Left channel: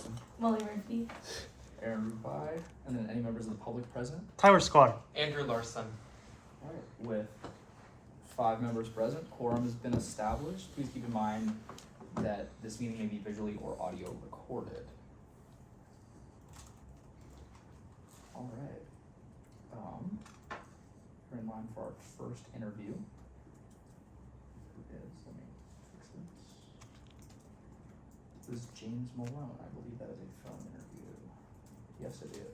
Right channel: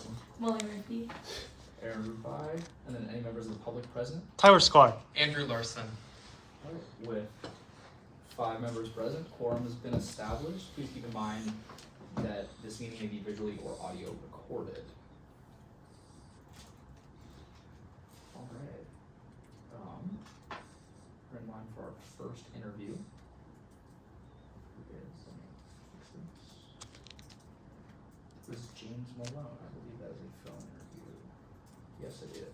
Mason. Molly Rigby. Aaron Rubai, and then any members of the public present. Tyler Sklar. Andrew Larson. All right, with 5 members present, quorum has been established. Please keep in mind that this meeting may be visually or audio recorded. All right. We're in line for our first interview. Let me fix this. This is James Malone. I believe that is a phone interview. Yes, it is.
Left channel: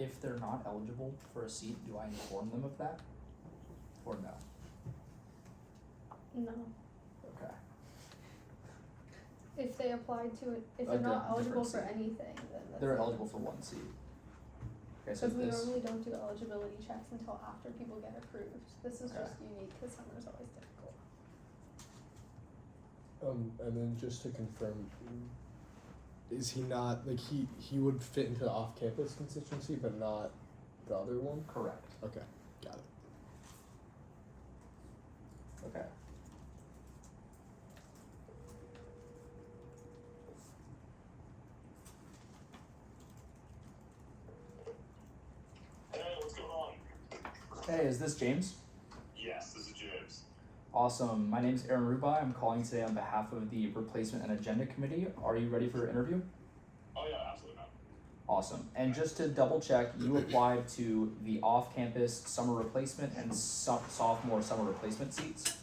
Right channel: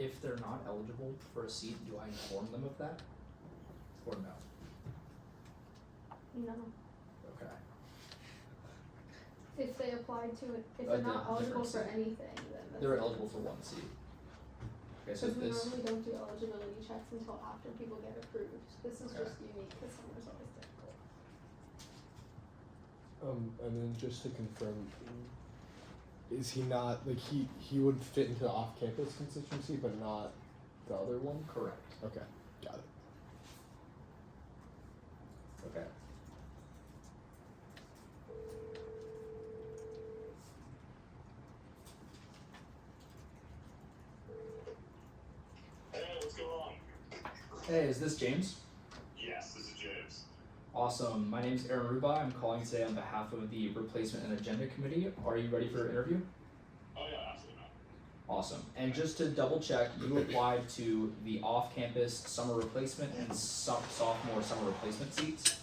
If they're not eligible for a seat, do I inform them of that? Or no? No. Okay. If they applied to it, if A they're not different eligible for seat. anything, then that's They're fine. eligible for 1 seat. Okay, so Because we this, normally don't do eligibility checks until after people get approved. This is Okay. just unique because summer's always difficult. And then just to confirm, is he not, like, he would fit into the off-campus constituency, but not the other one? correct. Okay, got it. Okay. Hey, what's going on? Hey, is this James? Yes, this is James. Awesome. My name's Aaron Rubai. I'm calling today on behalf of the Replacement and Agenda Committee. Are you ready for an interview? Oh yeah, absolutely not. Awesome. And just to double check, you applied to the off-campus summer replacement and sophomore summer replacement seats?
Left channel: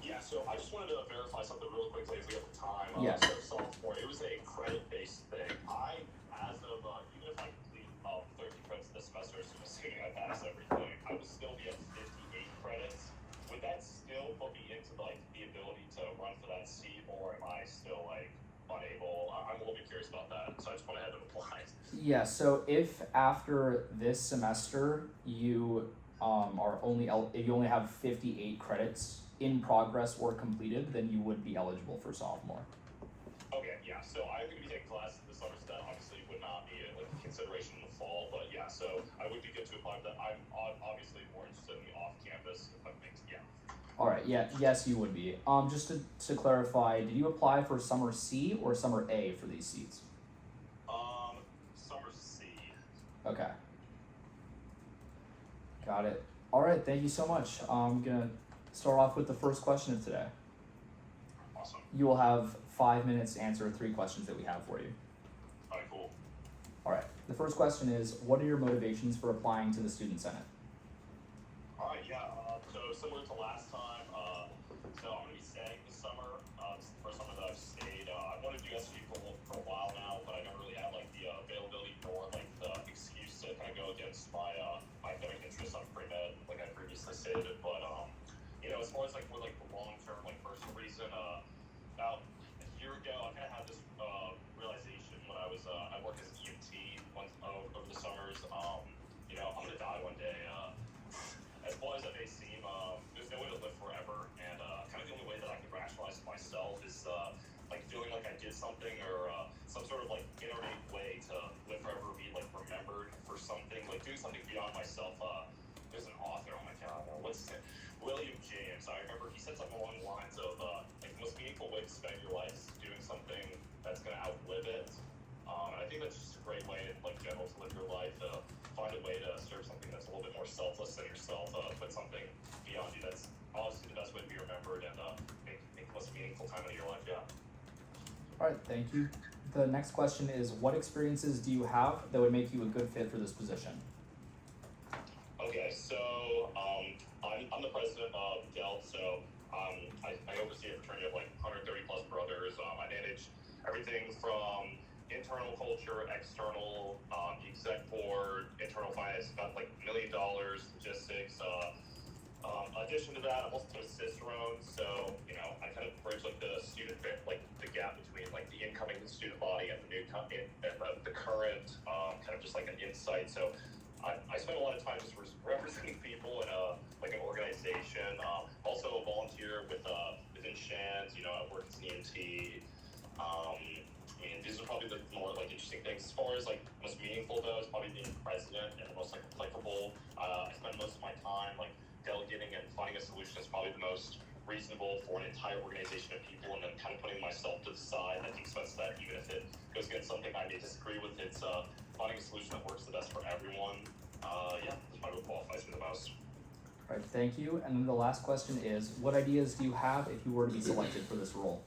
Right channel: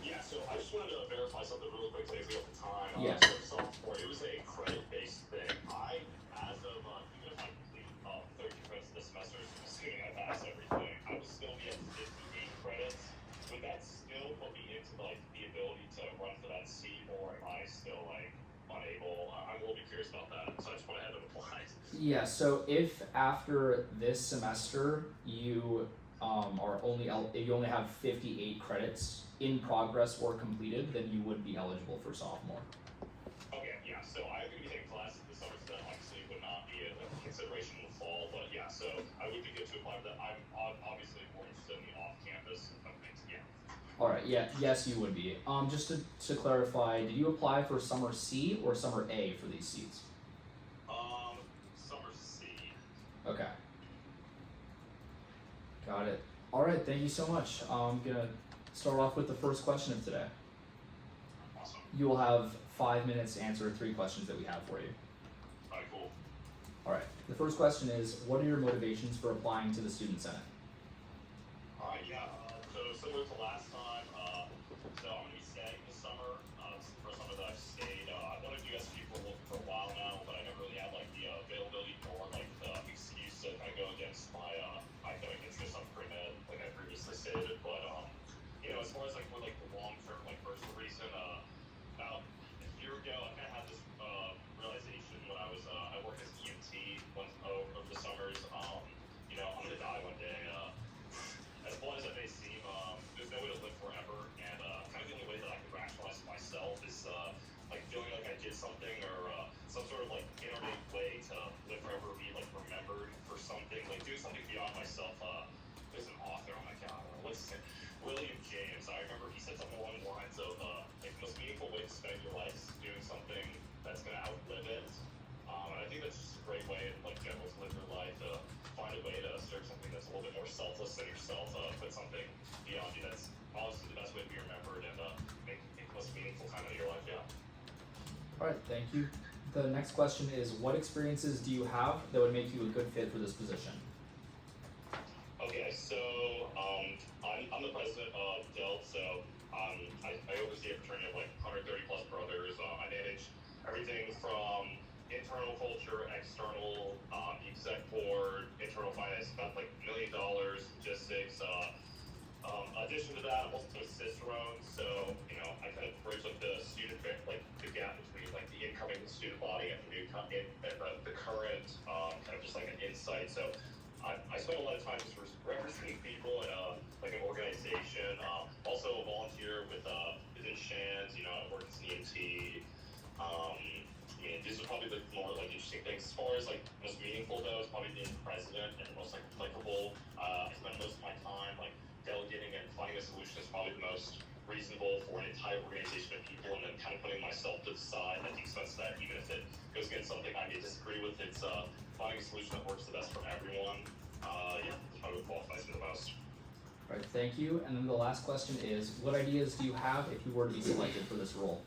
Yeah, so I just wanted to verify something really quickly if we have the time. Yes. So sophomore, it was a credit-based thing. As of, even if I complete 30 credits this semester, assuming I pass everything, I would still be at 58 credits. Would that still put me into, like, the ability to run for that seat, or am I still, like, unable? I'm a little bit curious about that, so I just went ahead and applied. Yeah, so if after this semester you if you only have 58 credits in progress or completed, then you would be eligible for sophomore. Okay, yeah, so I'm going to be taking classes this summer, so that obviously would not be a consideration in the fall, but yeah, so I would be good to apply for that. I'm obviously more interested in the off-campus, I think, yeah. Alright, yeah, yes you would be. Just to clarify, did you apply for summer C or summer A for these seats? Summer C. Okay. Got it. Alright, thank you so much. I'm gonna start off with the first question of today. Awesome. You will have 5 minutes to answer 3 questions that we have for you. Alright, cool. Alright, the first question is, what are your motivations for applying to the Student Senate? Alright, yeah, so similar to last time, so I'm going to be staying this summer. This is the first summer that I've stayed. I've wanted USG for a while now, but I never really had, like, the availability nor, like, the excuse to kind of go against my academic interests on pre-med, like I previously stated, but, you know, as far as, like, for, like, the long-term, like, personal reason, about a year ago, I kind of had this, realization when I was, I worked as EMT over the summers, you know, I'm going to die one day, as blunt as it may seem, there's no way to live forever, and, kind of the only way that I can rationalize to myself is, like, feeling like I did something, or, some sort of, like, inordinate way to live forever, be, like, remembered for something, like, doing something beyond myself. There's an author, oh my god, what's his name? William James. I remember he said something along the lines of, like, the most meaningful way to spend your life is doing something that's going to outlive it. And I think that's just a great way, like, general to live your life, to find a way to serve something that's a little bit more selfless than yourself, put something beyond you. That's honestly the best way to be remembered and make the most meaningful time of your life, yeah. Alright, thank you. The next question is, what experiences do you have that would make you a good fit for this position? Okay, so I'm the president of DELT, so I oversee a fraternity of like 130 plus brothers. I manage everything from internal culture, external, the exec board, I spent like $1 million, logistics. Addition to that, I'm also a cicerone, so you know I kind of bridge like the gap between like the incoming student body and the the current kind of just like an insight. So I spend a lot of time just representing people in like an organization. Also a volunteer within SHANs. You know, I work at CMT. I mean, these are probably the more like interesting things. As far as like most meaningful though, is probably being president and the most like applicable. I spend most of my time like delegating and finding a solution is probably the most reasonable for an entire organization of people, and then kind of putting myself to the side at the expense that even if it goes against something I may disagree with, it's finding a solution that works the best for everyone. Yeah, that's probably what qualifies me the most. All right, thank you. And then the last question is, what ideas do you have if you were to be selected for this role?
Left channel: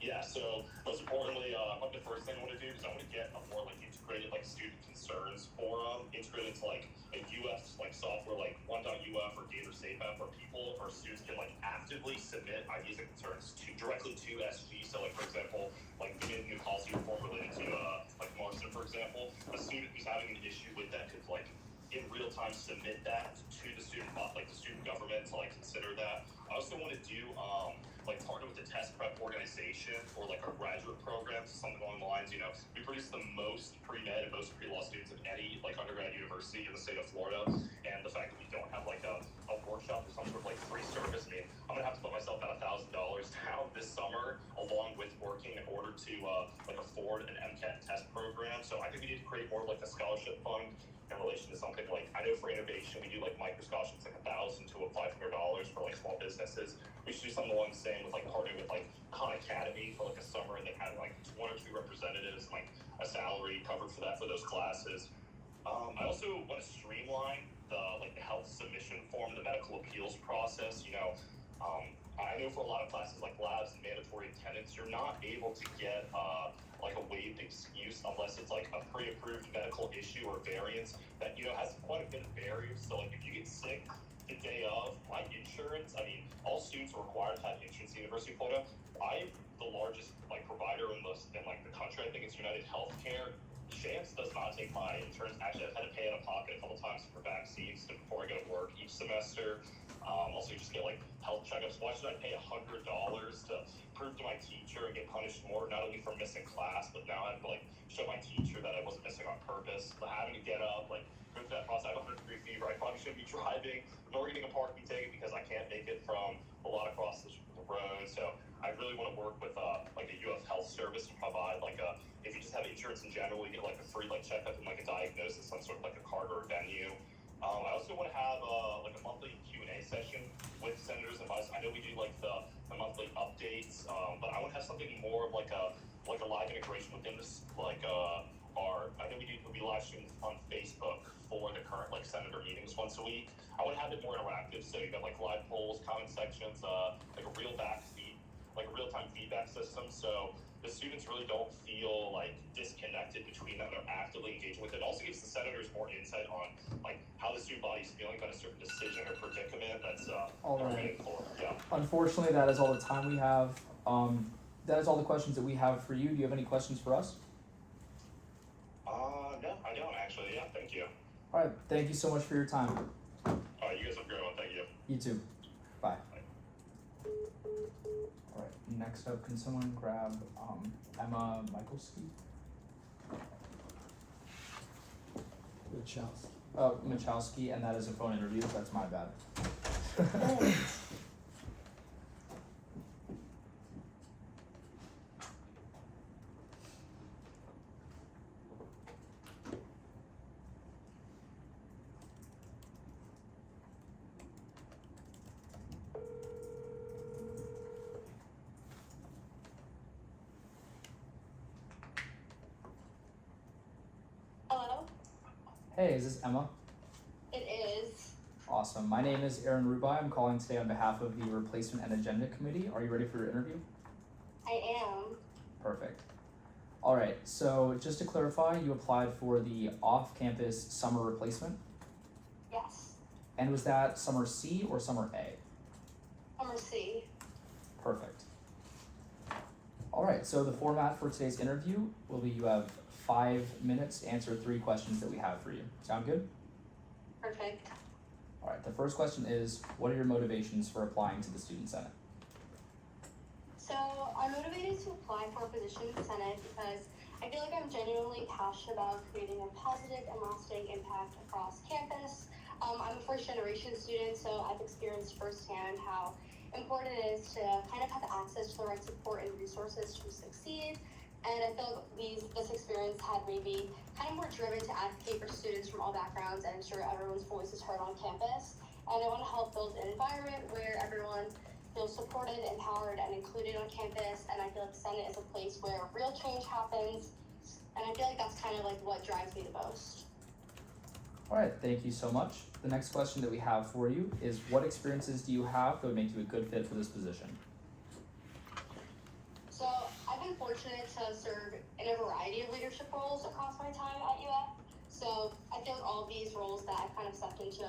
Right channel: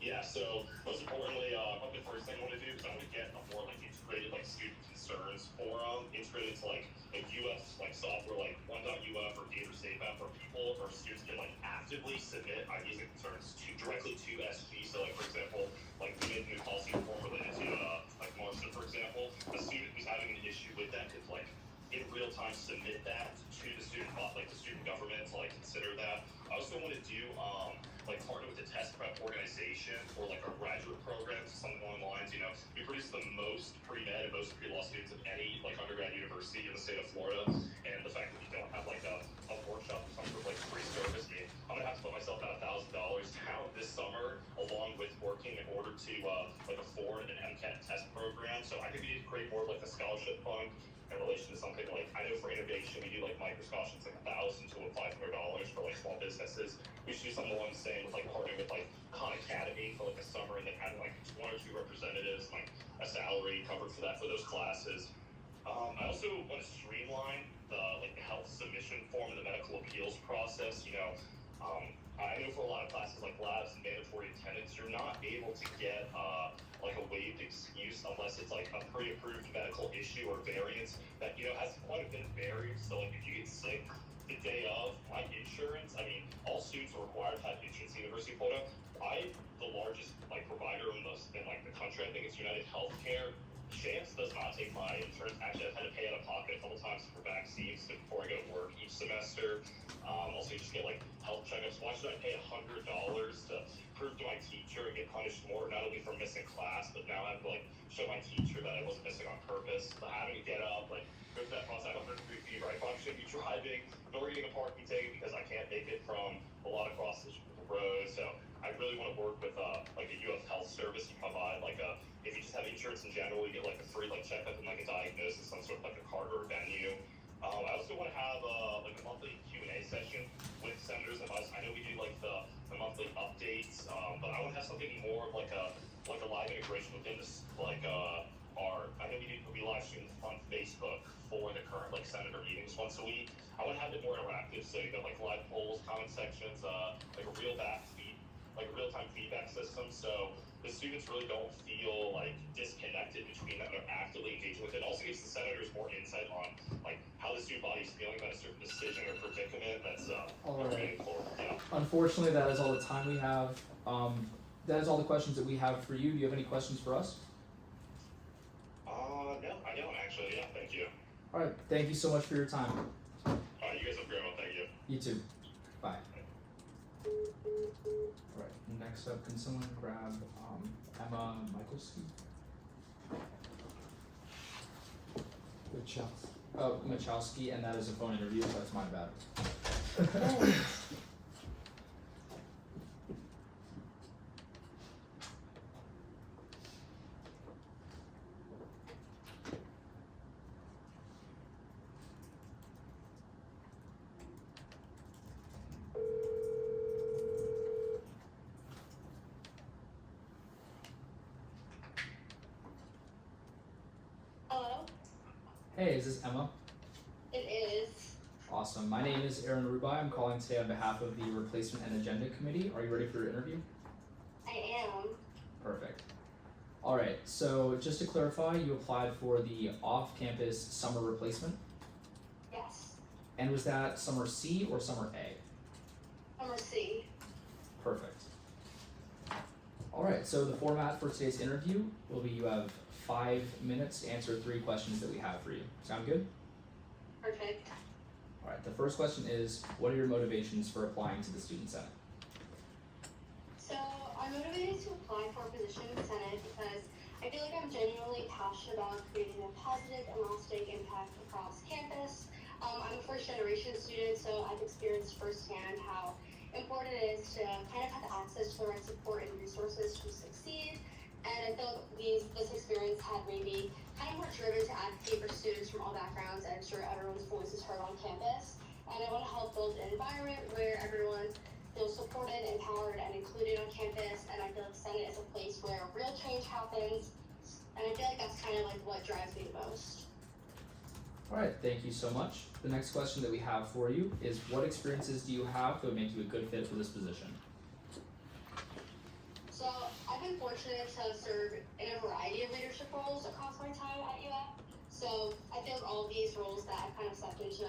Yeah, so most importantly, probably the first thing I want to do is I want to get a more like integrated like student concerns forum, integrated to like a UF like software like 1.UF or Gator Safe app where people or students can like actively submit ideas and concerns directly to SG. So like for example, like we made a new policy reform related to like Marston, for example. A student who's having an issue with that could like in real time submit that to the student government to like consider that. I also want to do like partner with the test prep organization or like our graduate programs, something along the lines, you know, we produce the most pre-med and most pre-law students of any like undergrad university in the state of Florida, and the fact that we don't have like a workshop or some sort of like free service, I mean, I'm gonna have to put myself at $1,000 down this summer along with working in order to like afford an MCAT test program. So I think we need to create more of like a scholarship fund in relation to something like, I know for innovation we do like micro scholarships like $1,000 to $500 for like small businesses. We should do something along the same with like partnering with like Khan Academy for like a summer and then have like 1 or 2 representatives, like a salary covered for that for those classes. I also want to streamline the health submission form, the medical appeals process. You know, I know for a lot of classes like labs and mandatory attendance, you're not able to get like a waived excuse unless it's like a pre-approved medical issue or variance that, you know, has quite a bit of barriers. So like if you get sick the day of, my insurance, I mean, all students are required to have insurance at the University of Florida. I'm the largest like provider in like the country. I think it's United Healthcare. SHANS does not take my insurance. Actually, I've had to pay out of pocket a couple times for vaccines before I go to work each semester. Also, you just get like health checkups. Why should I pay $100 to prove to my teacher and get punished more, not only for missing class, but now I have to like show my teacher that I wasn't missing on purpose? But having to get up, like go through that process. I have 100-degree fever. I probably shouldn't be driving, nor getting a parking ticket because I can't make it from a lot across the road. So I really want to work with like a UF Health service to provide like a, if you just have insurance in general, you get like a free like checkup and like a diagnosis, some sort of like a card or a venue. I also want to have like a monthly Q&A session with senators and vice. I know we do like the monthly updates, but I want to have something more of like a live integration within this like I know we live stream on Facebook for the current like senator meetings once a week. I want to have it more interactive, so you got like live polls, comment sections, like a real-time feedback system, so the students really don't feel like disconnected between them. They're actively engaging with it. It also gives the senators more insight on like how the student body is feeling about a certain decision or predicament that's all right. meaningful. Yeah. Unfortunately, that is all the time we have. That is all the questions that we have for you. Do you have any questions for us? No, I don't actually. Yeah, thank you. All right, thank you so much for your time. You guys have a great one. Thank you. You too. Bye. All right, next up, can someone grab Emma Michalski? Michalski, and that is a phone interview. That's my bad. Hello? Hey, is this Emma? It is. Awesome. My name is Aaron Rubai. I'm calling today on behalf of the Replacement and Agenda Committee. Are you ready for your interview? I am. Perfect. All right, so just to clarify, you applied for the off-campus summer replacement, Yes. and was that summer C or summer A? Summer C. Perfect. All right, so the format for today's interview will be you have 5 minutes to answer 3 questions that we have for you. Sound good? Perfect. Alright, the first question is, what are your motivations for applying to the Student Senate? So I'm motivated to apply for a position in the Senate because I feel like I'm genuinely passionate about creating a positive and lasting impact across campus. I'm a first generation student, so I've experienced firsthand how important it is to kind of have access to the right support and resources to succeed. And I feel like this experience had made me kind of more driven to advocate for students from all backgrounds and ensure everyone's voice is heard on campus. And I want to help build an environment where everyone feels supported, empowered, and included on campus. And I feel like the Senate is a place where real change happens. And I feel like that's kind of like what drives me the most. Alright, thank you so much. The next question that we have for you is, what experiences do you have that would make you a good fit for this position? So I've been fortunate to serve in a variety of leadership roles across my time at UF. So I feel like all of these roles that I've kind of stepped into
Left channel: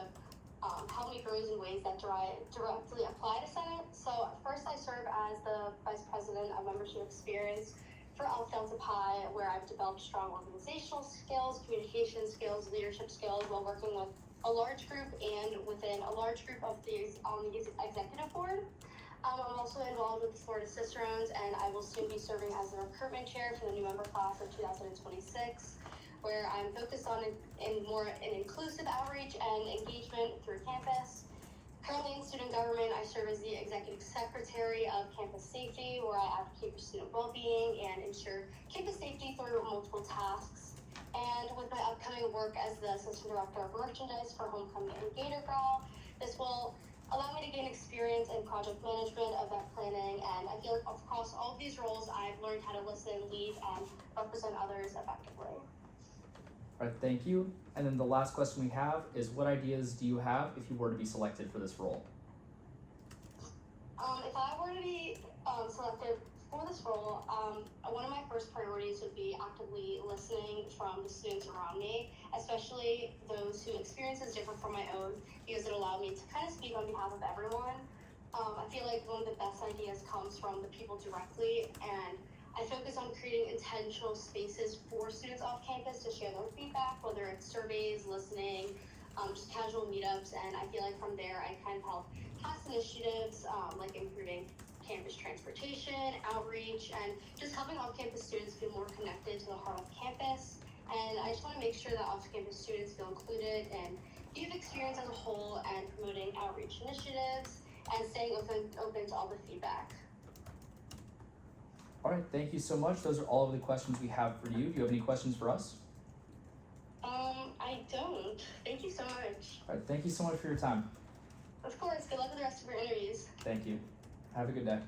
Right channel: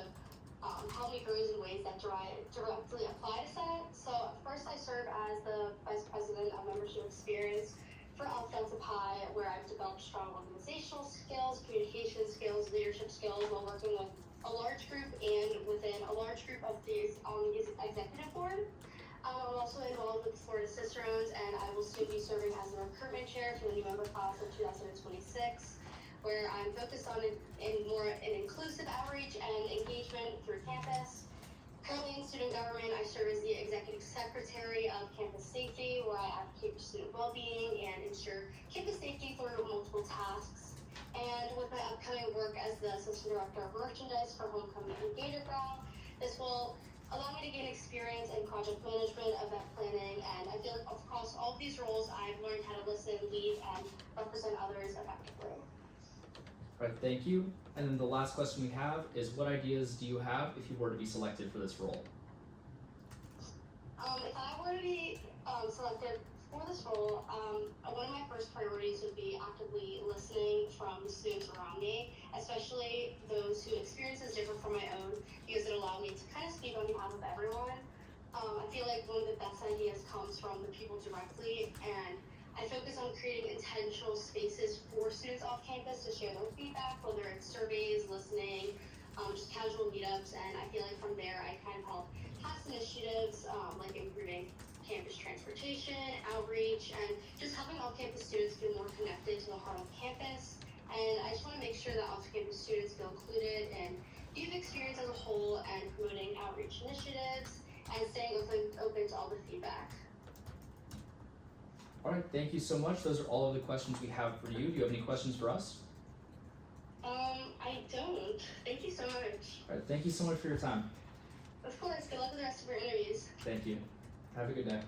help me grow in ways that directly apply to Senate. So first I serve as the Vice President of Membership Experience for Alpha Delta Pi, where I've developed strong organizational skills, communication skills, leadership skills while working with a large group and within a large group of these on the executive board. I'm also involved with the Florida Cicerones, and I will soon be serving as the recruitment chair for the new member class of 2026, where I'm focused on more inclusive outreach and engagement through campus. Currently in student government, I serve as the executive secretary of campus safety, where I advocate for student well-being and ensure campus safety through multiple tasks. And with my upcoming work as the assistant director of merchandise for Homecoming and Gator Growl, this will allow me to gain experience in project management, event planning, and I feel like across all of these roles, I've learned how to listen, lead, and represent others effectively. Alright, thank you. And then the last question we have is, what ideas do you have if you were to be selected for this role? If I were to be selected for this role, one of my first priorities would be actively listening from the students around me, especially those whose experiences differ from my own, because it allowed me to kind of speak on behalf of everyone. I feel like one of the best ideas comes from the people directly, and I focus on creating intentional spaces for students off campus to share their feedback, whether it's surveys, listening, just casual meetups, and I feel like from there I kind of help past initiatives like improving campus transportation, outreach, and just helping off-campus students feel more connected to the heart of campus. And I just want to make sure that off-campus students feel included in youth experience as a whole and promoting outreach initiatives and staying open to all the feedback. Alright, thank you so much. Those are all of the questions we have for you. Do you have any questions for us? I don't. Thank you so much. Alright, thank you so much for your time. Of course, good luck with the rest of your interviews. Thank you. Have a good day.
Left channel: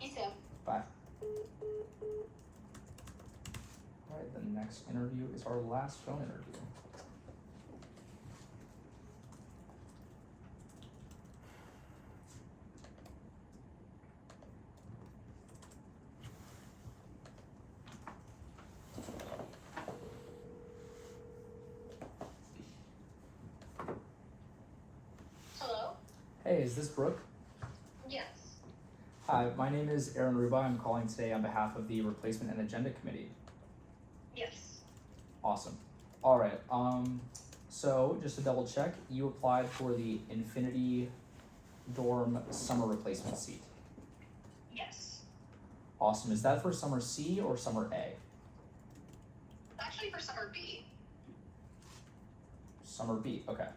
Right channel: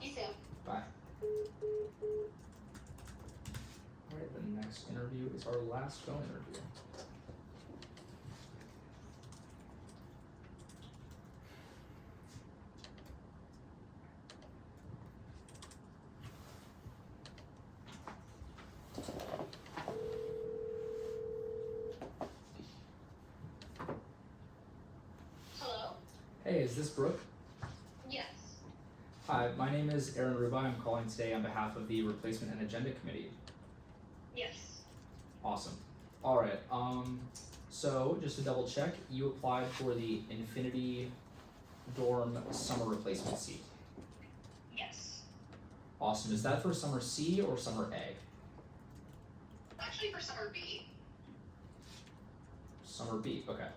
You too. Bye. Alright, the next interview is our last phone interview. Hello? Hey, is this Brooke? Yes. Hi, my name is Aaron Ruba. I'm calling today on behalf of the Replacement and Agenda Committee. Yes. Awesome. Alright, so just to double check, you applied for the Infinity Dorm Summer Replacement seat. Yes. Awesome. Is that for Summer C or Summer A? Actually, for summer B. Summer B, okay.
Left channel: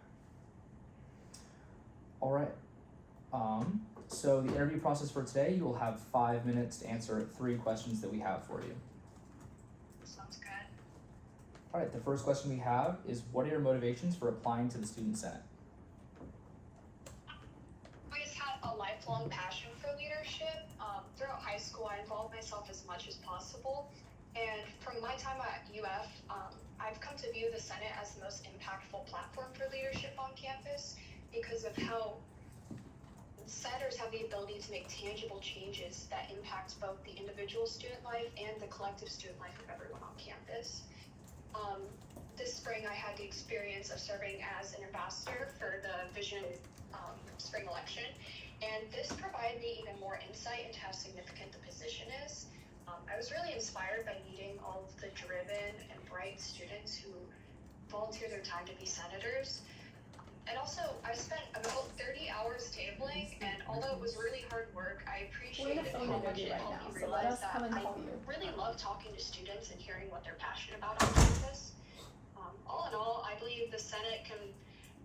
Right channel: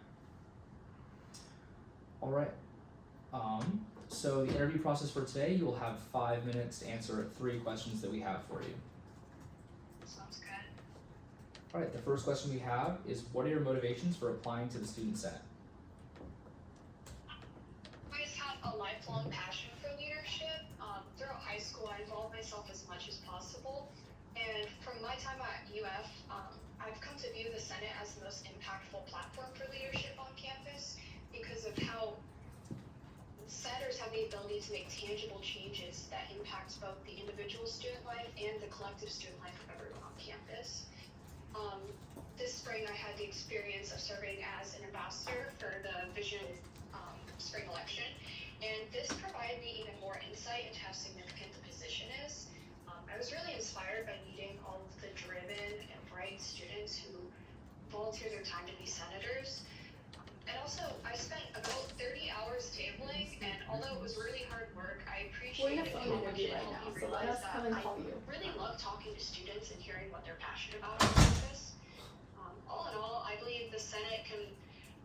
Alright. So the interview process for today, you will have 5 minutes to answer 3 questions that we have for you. Sounds good. Alright, the first question we have is, what are your motivations for applying to the Student Senate? I just had a lifelong passion for leadership. Throughout high school, I involved myself as much as possible. And from my time at UF, I've come to view the Senate as the most impactful platform for leadership on campus because of how senators have the ability to make tangible changes that impact both the individual student life and the collective student life of everyone on campus. This spring, I had the experience of serving as an ambassador for the Vision spring election, and this provided me even more insight into how significant the position is. I was really inspired by meeting all of the driven and bright students who volunteer their time to be senators. And also, I spent about 30 hours tabling, and although it was really hard work, I We're in appreciated a phone how much interview it right helped now, me so let realize us that come and I call you. really love talking to students and hearing what they're passionate about on campus. All in all, I believe the Senate can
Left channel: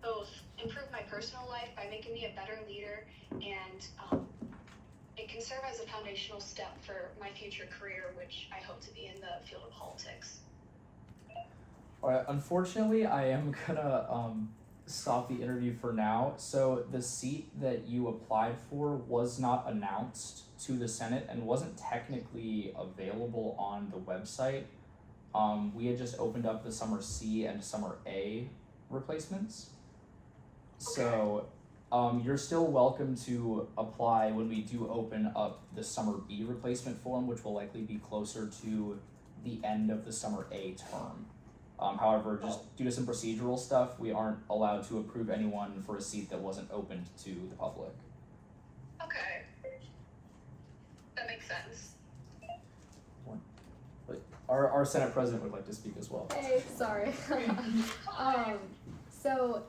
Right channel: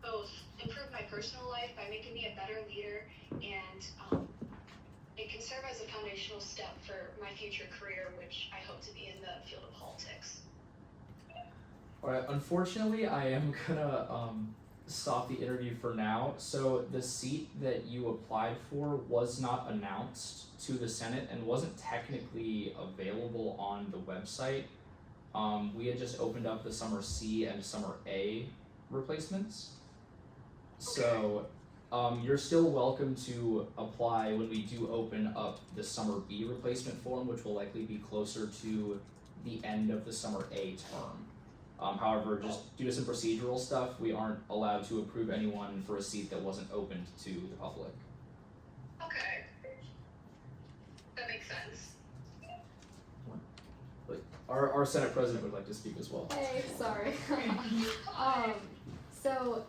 both improve my personal life by making me a better leader, and it can serve as a foundational step for my future career, which I hope to be in the field of politics. Alright, unfortunately, I am gonna stop the interview for now. So the seat that you applied for was not announced to the Senate and wasn't technically available on the website. We had just opened up the summer C and summer A replacements. So you're still welcome to apply when we do open up the summer B replacement form, which will likely be closer to the end of the summer A term. However, just due to some procedural stuff, we aren't allowed to approve anyone for a seat that wasn't opened to the public. Okay. That makes sense. Our Senate President would like to speak as well. Hey, sorry. So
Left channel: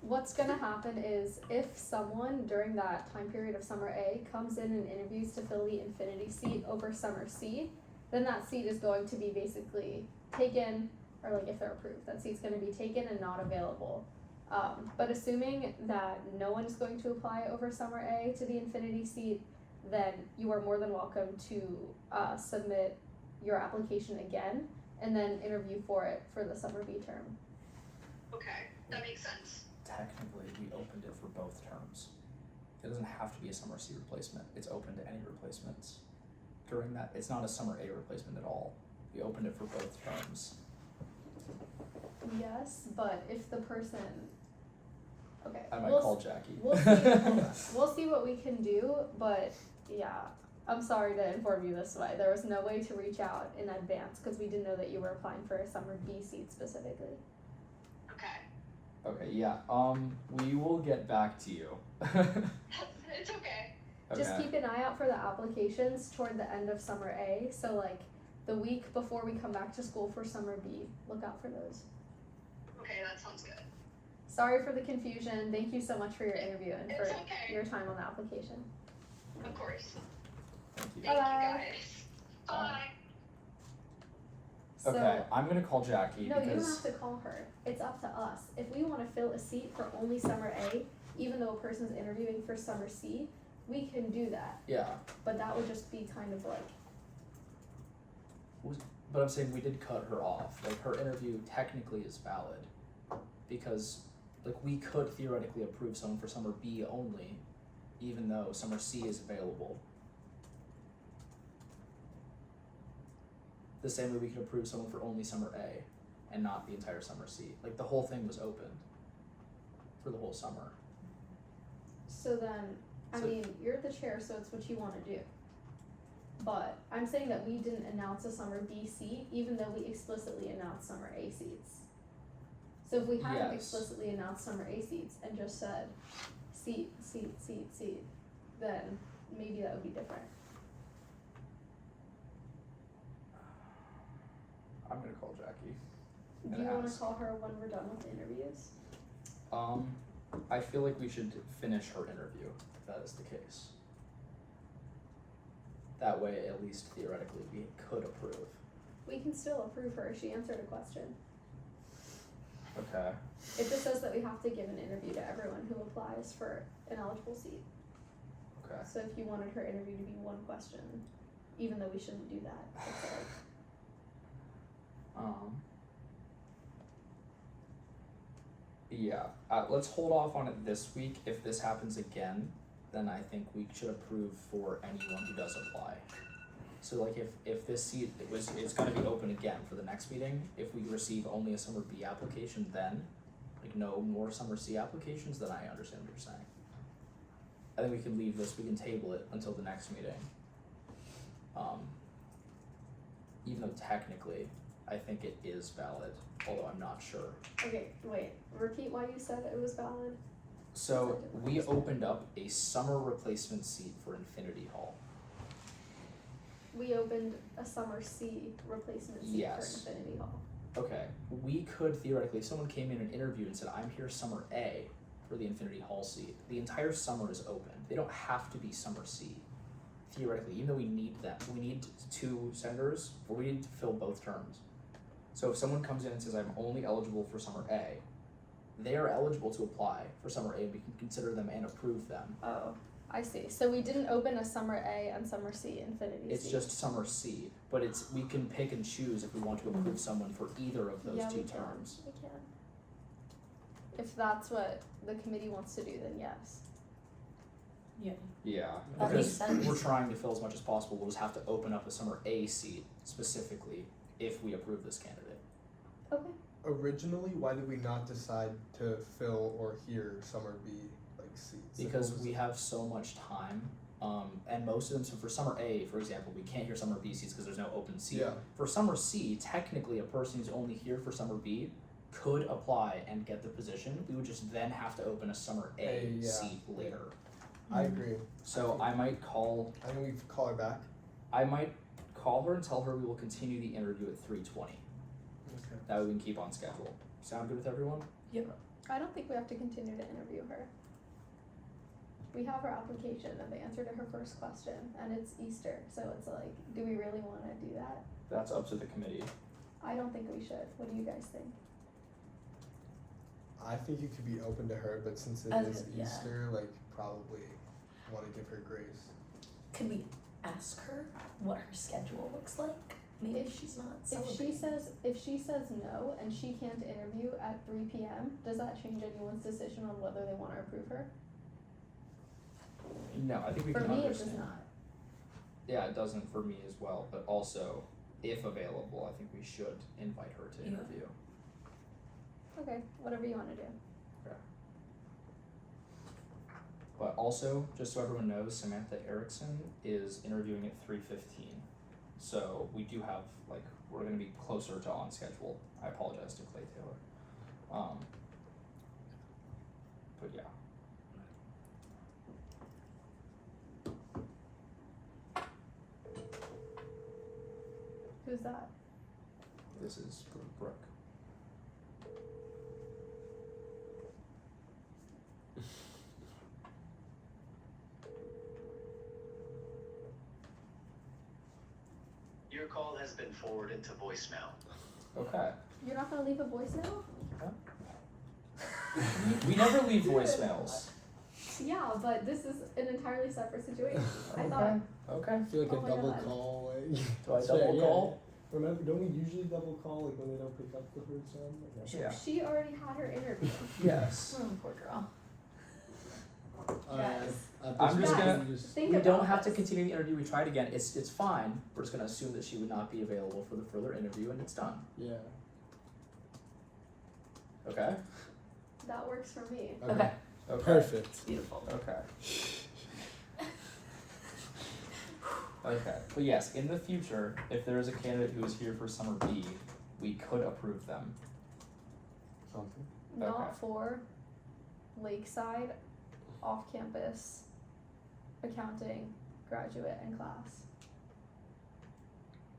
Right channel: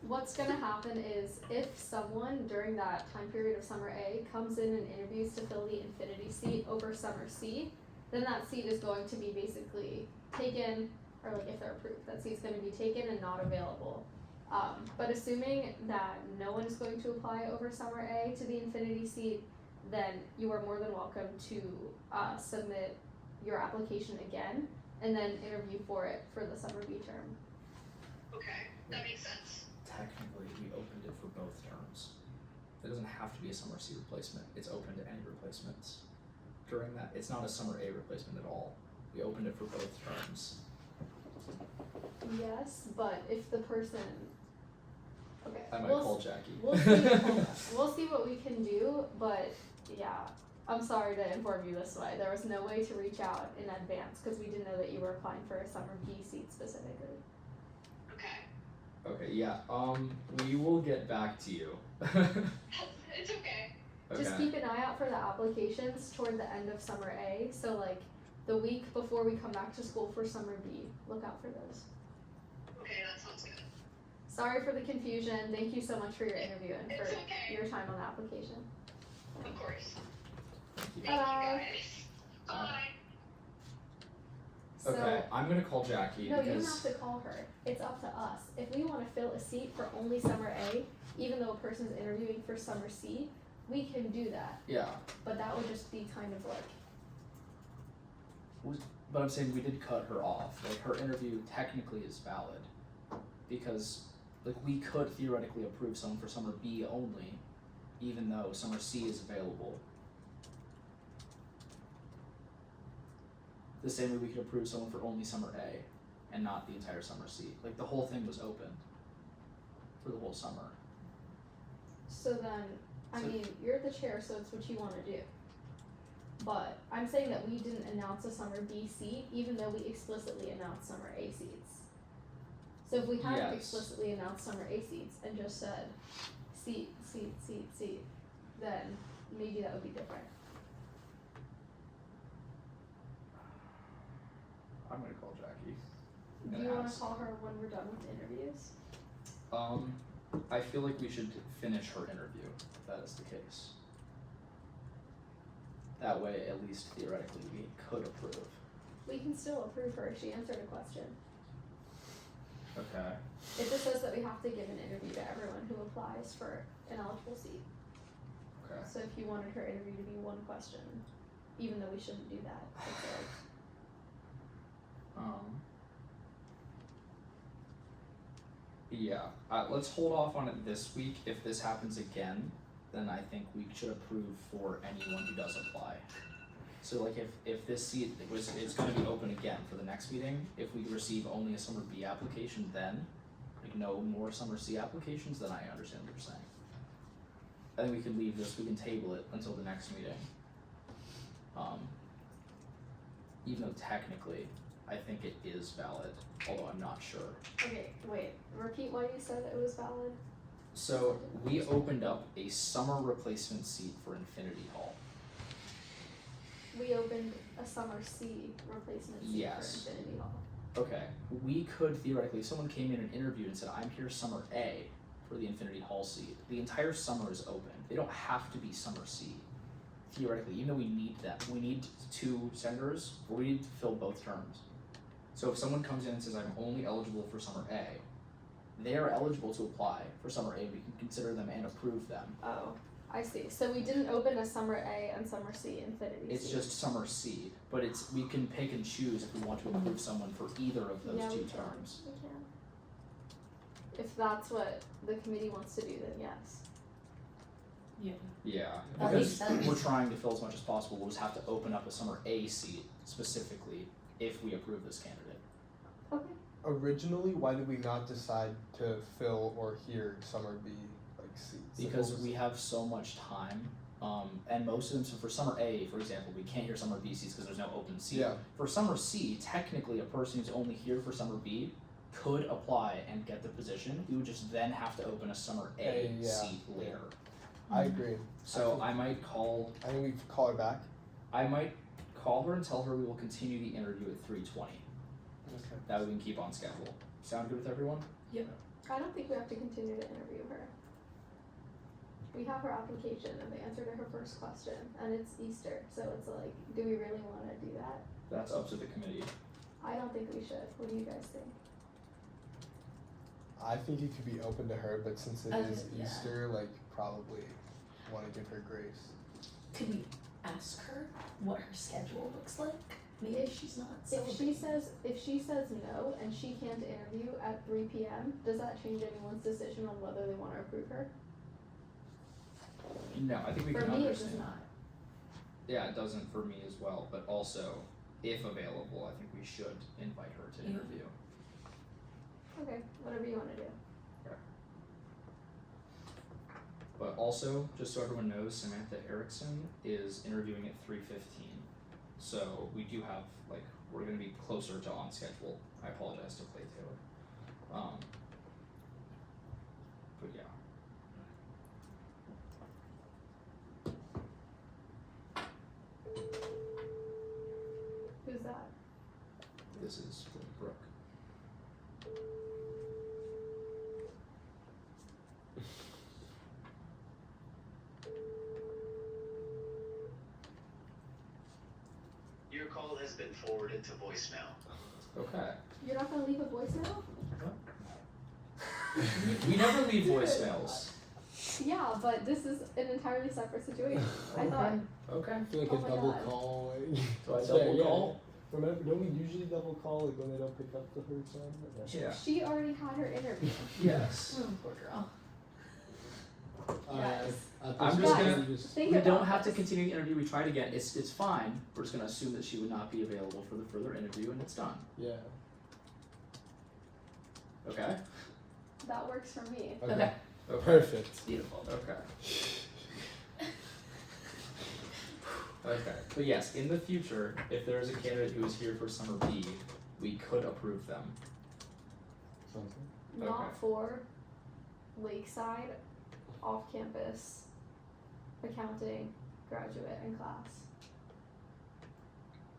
what's gonna happen is if someone during that time period of summer A comes in and interviews to fill the Infinity seat over summer C, then that seat is going to be basically taken, or like if they're approved, that seat's gonna be taken and not available. But assuming that no one is going to apply over summer A to the Infinity seat, then you are more than welcome to submit your application again and then interview for it for the summer B term. Okay, that makes sense. Technically, we opened it for both terms. It doesn't have to be a summer C replacement. It's open to any replacements. During that, it's not a summer A replacement at all. We opened it for both terms. Yes, but if the person, okay, I might call Jackie. We'll see. Hold on. We'll see what we can do, but yeah, I'm sorry to inform you this way. There was no way to reach out in advance because we didn't know that you were applying for a summer B seat specifically. Okay. Okay, yeah. We will get back to you. It's okay. Just keep an eye out for the applications toward the end of summer A. So like the week before we come back to school for summer B, look out for those. Okay, that sounds good. Sorry for the confusion. Thank you so much for your interview and It's for okay. your time on the application. Of course. Thank you. Thank Bye-bye. you guys. Bye. So, Okay, I'm gonna call Jackie no, you don't because have to call her. It's up to us. If we want to fill a seat for only summer A, even though a person's interviewing for summer C, we can do that. yeah. But that would just be kind of like, But I'm saying we did cut her off. Like her interview technically is valid because like we could theoretically approve someone for summer B only, even though summer C is available. The same way we could approve someone for only summer A and not the entire summer C. Like the whole thing was open for the whole summer. so then, I So- mean, you're the chair, so it's what you want to do. But I'm saying that we didn't announce a summer B seat, even though we explicitly announced summer A seats. So if we hadn't Yes. explicitly announced summer A seats and just said seat, then maybe that would be different. I'm gonna call Jackie. Do Gonna you want to ask. call her when we're done with the interviews? I feel like we should finish her interview, if that is the case. That way, at least theoretically, we could approve. We can still approve her if she answered a question. Okay. It just says that we have to give an interview to everyone who applies for an eligible seat. Okay. So if you wanted her interview to be one question, even though we shouldn't do that, it's like, Yeah, let's hold off on it this week. If this happens again, then I think we should approve for anyone who does apply. So like if this seat it's gonna be open again for the next meeting, if we receive only a summer B application then, like no more summer C applications, then I understand what you're saying. I think we can leave this, we can table it until the next meeting. Even though technically, I think it is valid, although I'm not sure. okay, wait, repeat why you said it was valid? So we opened up a summer replacement seat for Infinity Hall. we opened a summer C replacement seat Yes. for Infinity Hall. Okay, we could theoretically, if someone came in and interviewed and said, I'm here summer A for the Infinity Hall seat, the entire summer is open. They don't have to be summer C. Theoretically, even though we need them, we need 2 senators, but we need to fill both terms. So if someone comes in and says, I'm only eligible for summer A, they are eligible to apply for summer A. We can consider them and approve them. Oh, I see. So we didn't open a summer A and summer C Infinity It's seat. just summer C, but we can pick and choose if we want to approve someone for either of those yeah, 2 we can. terms. We can. If that's what the committee wants to do, then yes. Yeah, That because makes sense. we're trying to fill as much as possible. We'll just have to open up a summer A seat specifically if we approve this candidate. Okay. Originally, why did we not decide to fill or hear summer B like seats? Because we have so much time, and most of them. So for summer A, for example, we can't hear summer B seats because there's no open seat. Yeah. For summer C, technically, a person who's only here for summer B could apply and get the position. We would just then have to open a summer A Yeah. seat later. I agree. So I might call. I think we call her back. I might call her and tell her we will continue the interview at 3:20. Okay. That way we can keep on schedule. Sound good with everyone? I don't think we have to continue to interview her. We have her application and the answer to her first question, and it's Easter, so it's like, do we really want to do that? That's up to the committee. I don't think we should. What do you guys think? I think you could be open to her, but since it I is was- yeah. Easter, like probably want to give her grace. Could we ask her what her schedule looks like? Maybe If- she's not If she says no and she can't interview at 3 p.m., does that change anyone's decision on whether they want to approve her? No, I think we For can me, understand. it does not. Yeah, it doesn't for me as well, but also, if available, I think we should invite her to Yeah. interview. Okay, whatever you want to do. But also, just so everyone knows, Samantha Erickson is interviewing at 3:15. So we do have, like, we're gonna be closer to on schedule. I apologize to Clay Taylor. But yeah. Who's that? This is for Brooke. Your call has been forwarded to voicemail. Okay. You're not gonna leave a voicemail? We never leave voicemails. Yeah, but this is an entirely separate situation. I thought. Okay. I feel like Oh a my double God. call. Like, Do I it's double fair, yeah. call? Remember, don't we usually double call like when they don't pick up the third time? Okay. Yeah. She already had her interview. Yes. Oh, poor girl. Guys. I'm just Guys, gonna. Think We about don't have to this. continue the interview. We tried again. It's fine. We're just gonna assume that she would not be available for the further interview, and it's done. Yeah. Okay. That works for me. Okay. Okay. Perfect. Beautiful. Okay. Okay. But yes, in the future, if there is a candidate who is here for summer B, we could approve them. Something. Not Okay. for Lakeside, off-campus, accounting, graduate, and class.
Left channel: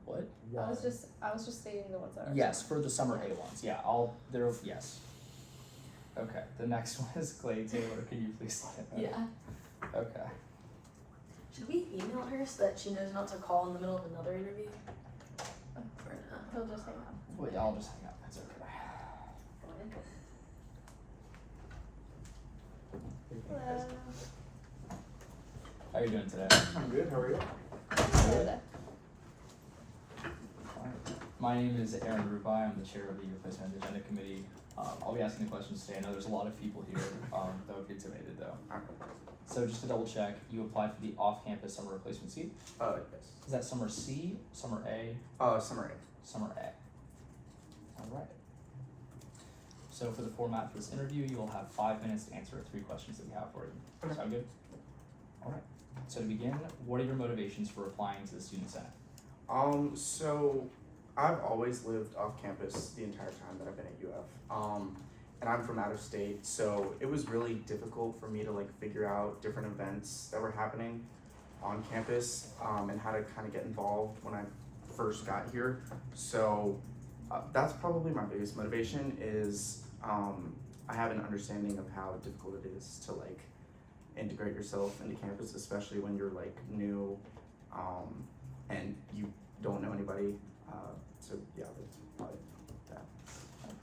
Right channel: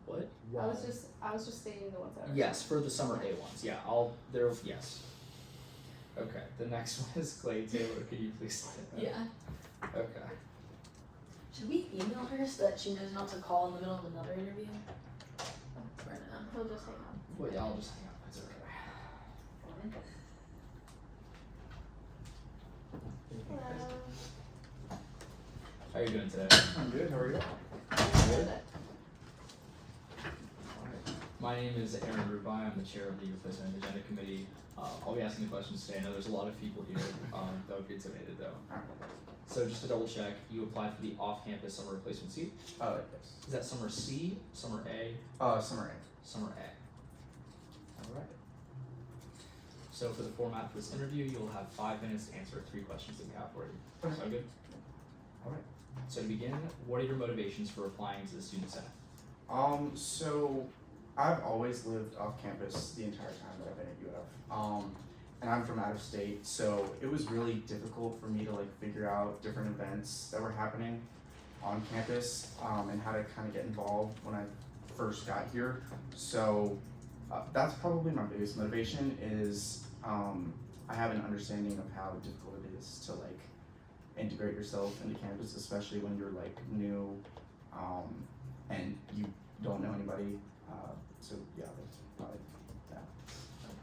What? I was just stating the ones that are. Yes, for the summer A ones. Yeah, yes. Okay. The next one is Clay Taylor. Can you please let it know? Yeah. Okay. Should we email her so that she knows not to call in the middle of another interview? Or no? He'll just hang up. Well, yeah, I'll just hang up. It's okay. Hello. How are you doing today? I'm good, how are you? Good. My name is Aaron Rubai. I'm the chair of the UFSG-SPAN Agenda Committee. I'll be asking the questions today. I know there's a lot of people here that would be intimidated though. Alright. So just to double check, you applied for the off-campus summer replacement seat. Yes. Is that summer C, summer A, Summer A. summer A? Alright. So for the format for this interview, you'll have 5 minutes to answer 3 questions that we have for you. Sound good? Alright. So to begin, what are your motivations for applying to the Student Senate? So I've always lived off campus the entire time that I've been at UF. And I'm from out of state, so it was really difficult for me to like figure out different events that were happening. on campus and how to kind of get involved when I first got here. So that's probably my biggest motivation is I have an understanding of how difficult it is to like integrate yourself into campus, especially when you're like new and you don't know anybody. So yeah, that's probably that.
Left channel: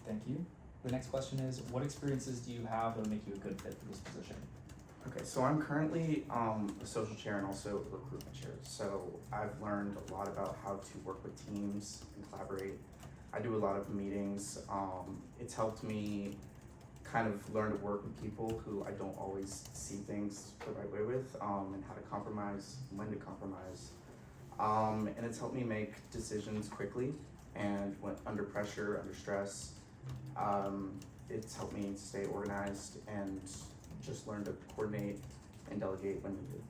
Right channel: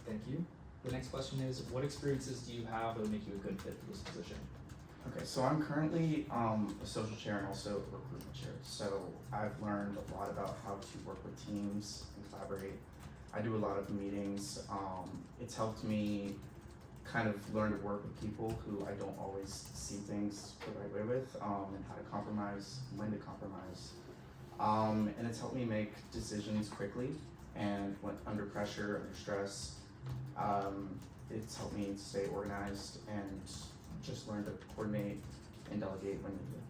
Thank you. The next question is, what experiences do you have that would make you a good fit for this position? Okay, so I'm currently a social chair and also a recruitment chair. So I've learned a lot about how to work with teams and collaborate. I do a lot of meetings. It's helped me kind of learn to work with people who I don't always see things the right way with, and how to compromise, when to compromise. And it's helped me make decisions quickly and when under pressure, under stress. It's helped me stay organized and just learn to coordinate and delegate when needed.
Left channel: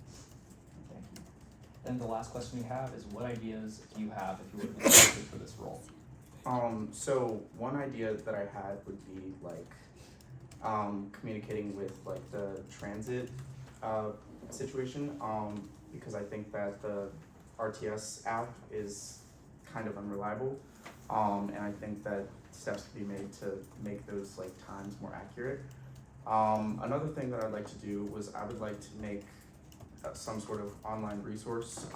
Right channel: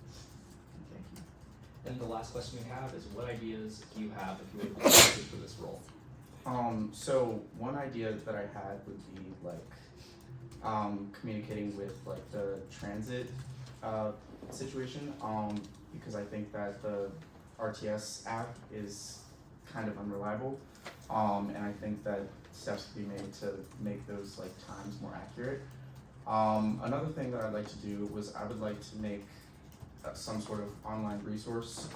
Thank you. And the last question we have is, what ideas do you have if you were to be selected for this role? So one idea that I had would be like communicating with like the transit situation, because I think that the RTS app is kind of unreliable, and I think that steps can be made to make those like times more accurate. Another thing that I'd like to do was I would like to make some sort of online resource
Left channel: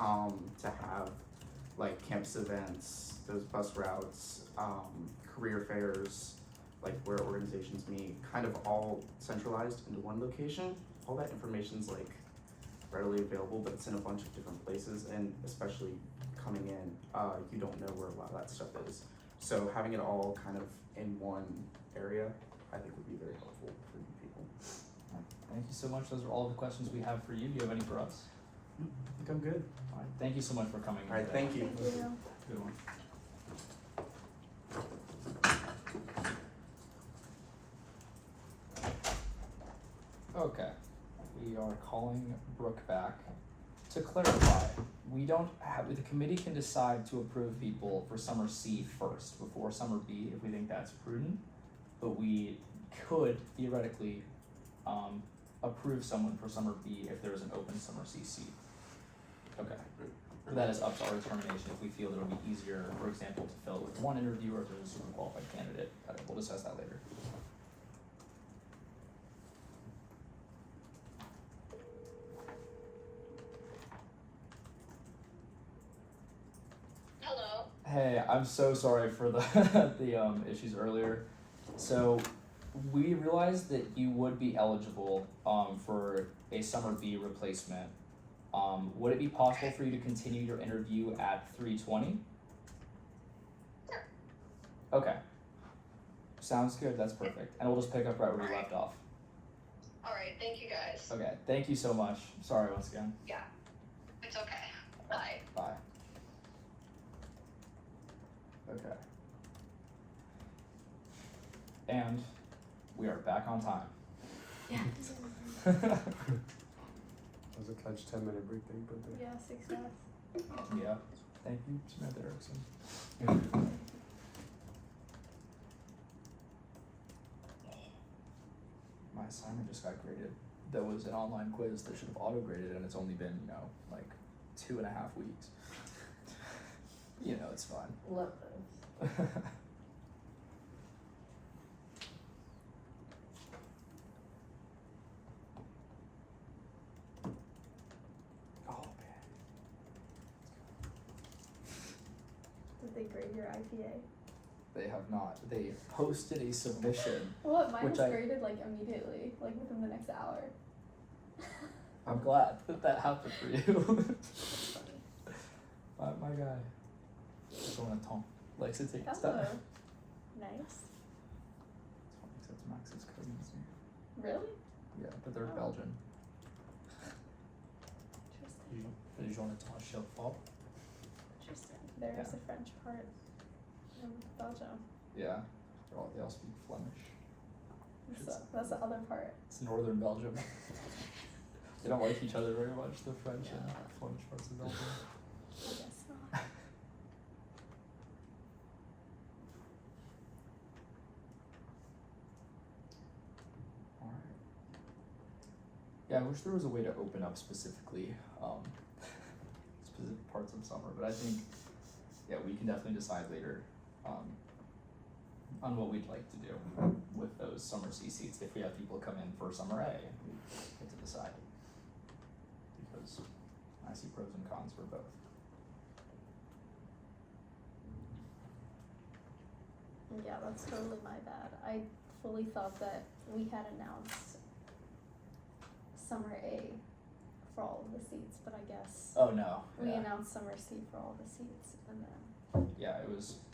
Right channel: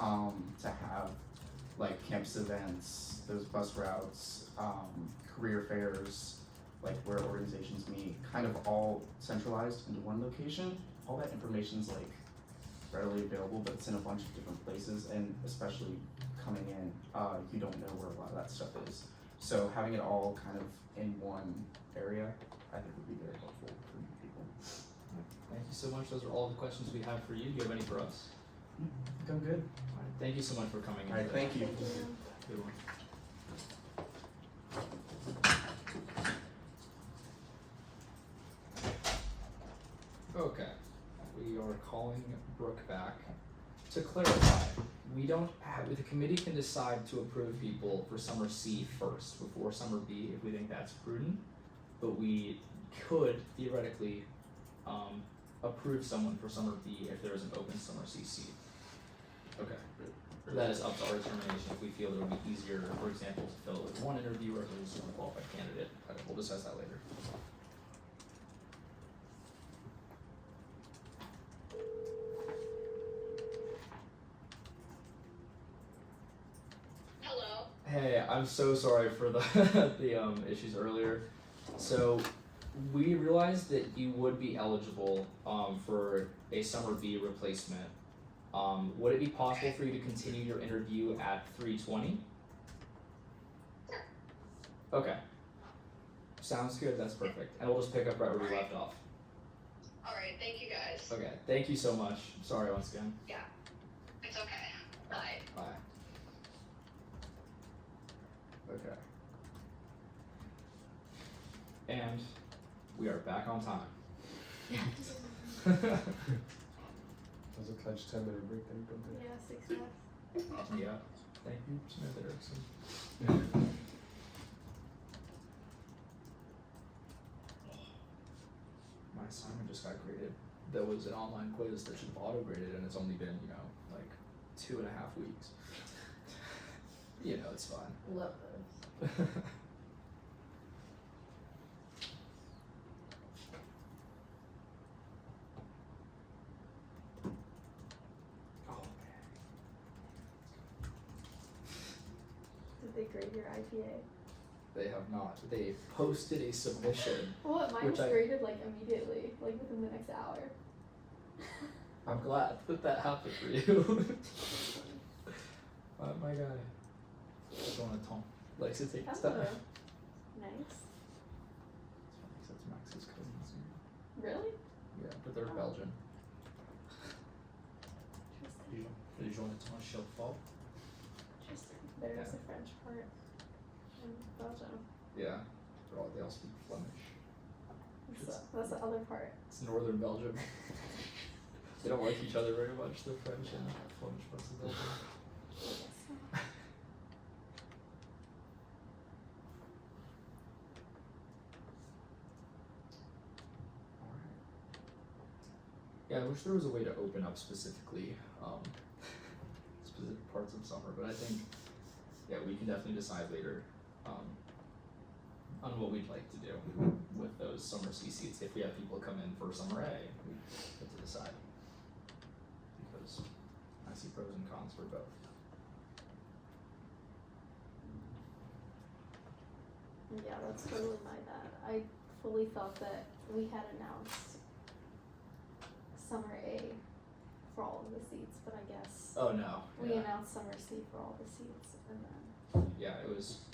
to have like campus events, those bus routes, career fairs, like where organizations meet, kind of all centralized into one location. All that information's like readily available, but it's in a bunch of different places, and especially coming in, you don't know where a lot of that stuff is. So having it all kind of in one area, I think would be very helpful for new people. Thank you so much. Those are all the questions we have for you. Do you have any for us? I think I'm good. All right. Thank you so much for coming in All right, today. thank you. Thank you. Good one. Okay, we are calling Brooke back. To clarify, we don't have, the committee can decide to approve people for summer C first before summer B if we think that's prudent, but we could theoretically approve someone for summer B if there is an open summer C seat. Okay, that is up to our determination if we feel that it would be easier, for example, to fill it with one interviewer if there's a super qualified candidate. We'll discuss that later. Hello. Hey, I'm so sorry for the the issues earlier. So we realized that you would be eligible for a summer B replacement. Would it be possible for you to continue your interview at 3:20? Sure. Okay. Sounds good, that's perfect. And we'll just pick up right where we left off. Alright, thank you guys. Okay, thank you so much. Sorry once again. Yeah. It's okay. Bye. Bye. Okay. And we are back on time. Yeah. That was a clutch 10-minute break that you put there. Yeah, success. Yeah. Thank you, Samantha Erickson. My assignment just got graded. That was an online quiz that should have auto-graded, and it's only been, like 2.5 weeks. It's fine. Love those. Did they grade your IPA? They have not. They posted a submission. Well, mine Which was I- graded like immediately, like within the next hour. I'm glad that happened for you. My guy. Jonathan likes to take his Oh, time. nice. It's Max's cousins. Really? Yeah, but they're Oh. Belgian. Interesting. Jonathan Chelfort. Interesting. There's a French part in Belgium. Yeah, they all speak Flemish. That's the other part. It's northern Belgium. They don't like each other very much, the French and Flemish parts of Belgium. I guess not. Alright. Yeah, I wish there was a way to open up specifically parts of summer, but I think, yeah, we can definitely decide later, on what we'd like to do with those summer C seats, if we have people come in for summer A, we get to decide. Because I see pros and cons for both. Yeah, that's totally my bad. I fully thought that we had announced summer A for all of the seats, but I guess Oh, no, we yeah. announced summer C for all the seats, and then Yeah,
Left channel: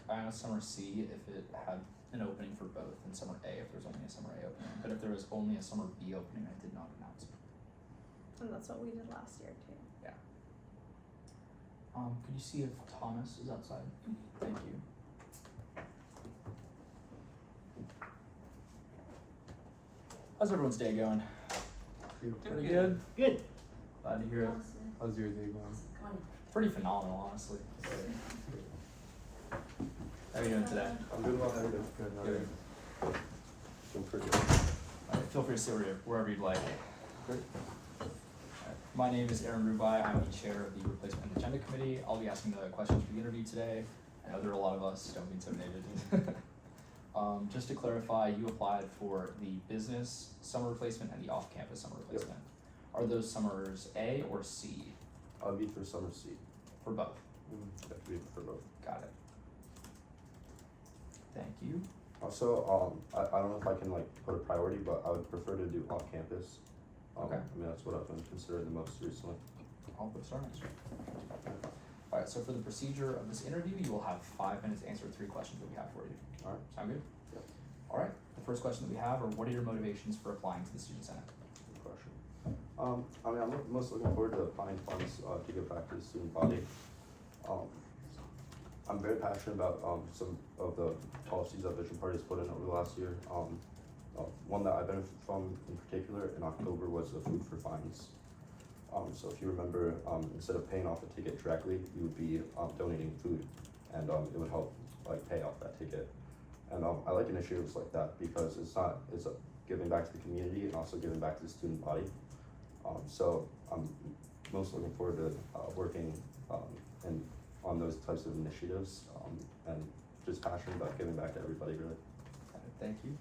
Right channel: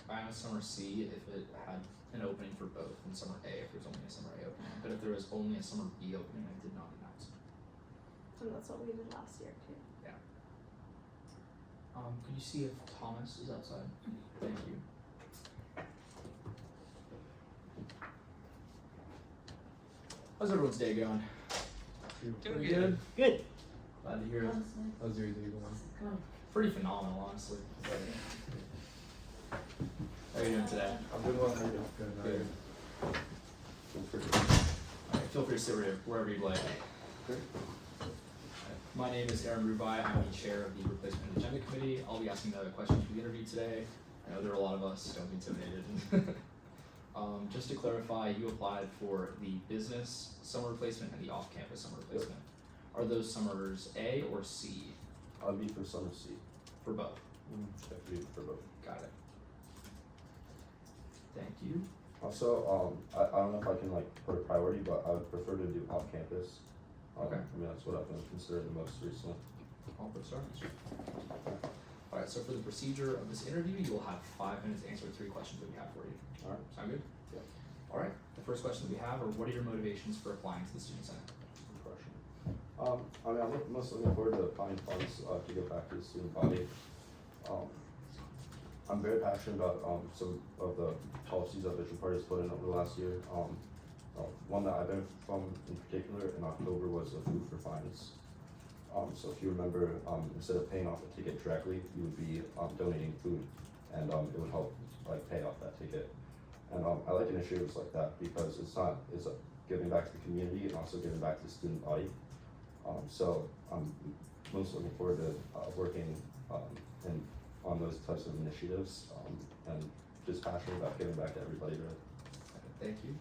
I announced summer C if it had an opening for both, and summer A if there's only a summer A opening. But if there was only a summer B opening, I did not announce it. and that's what we did last year too. Can you see if Thomas is outside? Thank you. How's everyone's day going? Pretty good. Good. Glad to hear it. How's your day going? Come on. Pretty phenomenal, honestly. How are you doing today? I'm doing well. I'm doing good. Good. Feel free. Alright, feel free to sit wherever you'd like. Great. My name is Aaron Rubai. I'm the chair of the Replacement Agenda Committee. I'll be asking the questions for the interview today. I know there are a lot of us, don't be intimidated. Just to clarify, you applied for the business summer replacement and the off-campus summer replacement. Are those summers A or C? I'll be for summer C. For both? Definitely for both. Got it. Thank you. Also, I don't know if I can like put a priority, but I would prefer to do on campus. Okay. I mean, that's what I've been considering the most recently. I'll put star next to it. Alright, so for the procedure of this interview, you will have 5 minutes to answer 3 questions that we have for you. Alright. Sound good? Yep. Alright, the first question that we have are, what are your motivations for applying to the Student Senate? Good question. I mean, I'm most looking forward to applying funds to give back to the student body. I'm very passionate about some of the policies that Vision Party has put in over the last year. One that I benefited from in particular in October was the food for fines. So if you remember, instead of paying off a ticket directly, you would be donating food, and it would help like pay off that ticket. And I like initiatives like that because it's giving back to the community and also giving back to the student body. So I'm most looking forward to working on those types of initiatives, and just passionate about giving back to everybody really. Thank you.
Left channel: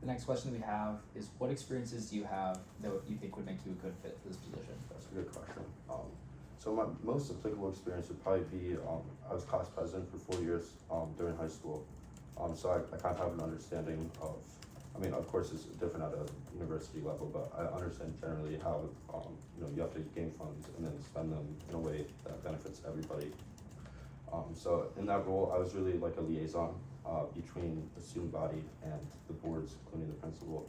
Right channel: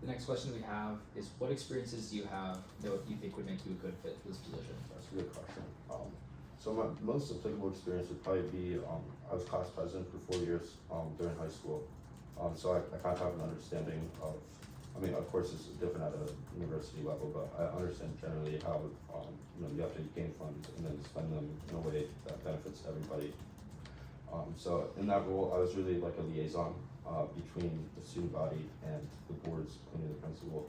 The next question we have is, what experiences do you have that you think would make you a good fit for this position? That's a good question. So my most applicable experience would probably be, I was class president for 4 years during high school. So I kind of have an understanding of, I mean, of course it's different at a university level, but I understand generally how, you have to gain funds and then spend them in a way that benefits everybody. So in that role, I was really like a liaison between the student body and the boards, including the principal.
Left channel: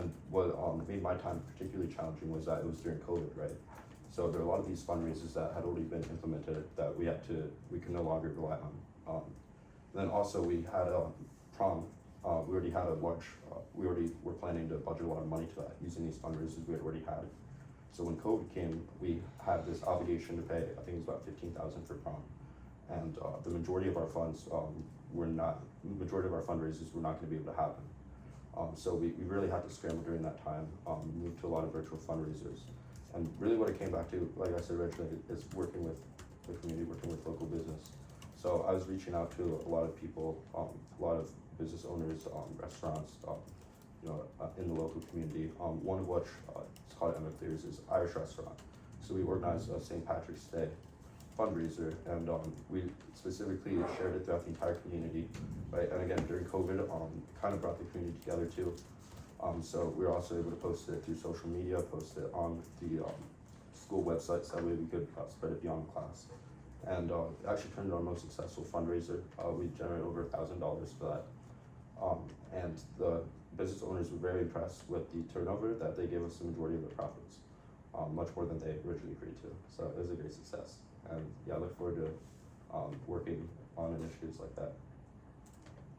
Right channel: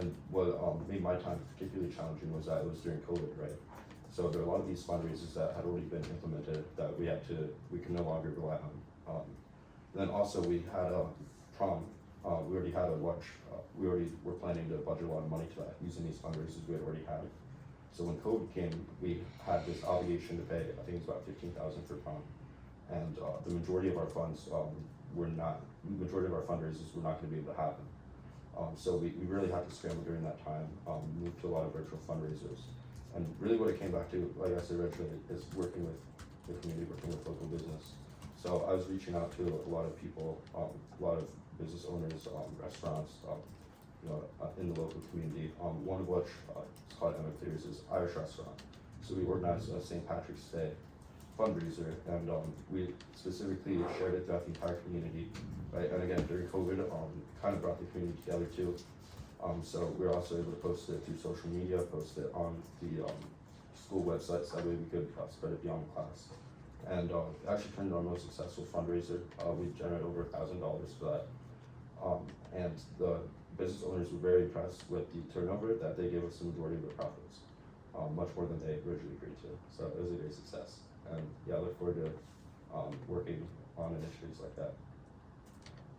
And what made my time particularly challenging was that it was during COVID, right? So there were a lot of these fundraisers that had already been implemented that we could no longer rely on. Then also we had prom. We already had a large. We already were planning to budget a lot of money to that using these fundraisers we had already had. So when COVID came, we had this obligation to pay. I think it was about $15,000 for prom, and the majority of our funds majority of our fundraisers were not going to be able to happen. So we really had to scramble during that time, move to a lot of virtual fundraisers. And really what it came back to, like I said originally, is working with the community, working with local business. So I was reaching out to a lot of people, a lot of business owners, restaurants, in the local community. One of which is called Emma Clears, is Irish restaurant. So we organized a St. Patrick's Day fundraiser, and we specifically shared it throughout the entire community, right? And again, during COVID, kind of brought the community together too. So we were also able to post it through social media, post it on the school websites, that way we could spread it beyond class. And it actually turned into our most successful fundraiser. We generated over $1,000 for that. And the business owners were very impressed with the turnover, that they gave us the majority of the profits, much more than they originally agreed to. So it was a great success. And yeah, I look forward to working on initiatives like that.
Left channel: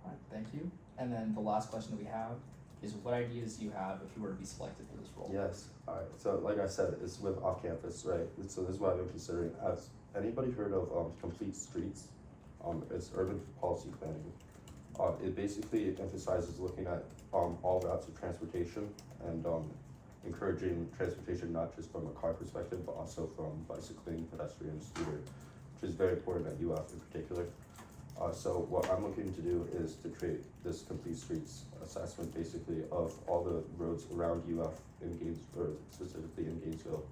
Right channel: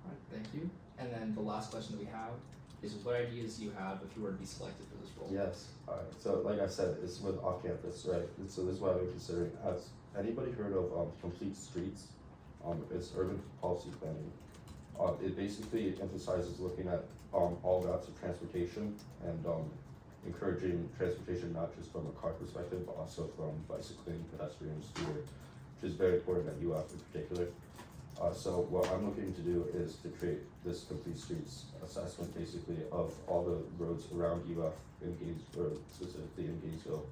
Alright, thank you. And then the last question that we have is, what ideas do you have if you were to be selected for this role? Yes. All right. So like I said, it's with off campus, right? And so this is what I've been considering. Has anybody heard of Complete Streets? It's urban policy planning. It basically emphasizes looking at all routes of transportation and encouraging transportation not just from a car perspective, but also from bicycling, pedestrian, scooter, which is very important at UF in particular. So what I'm looking to do is to create this complete streets assessment basically of all the roads around UF in or specifically in Gainesville,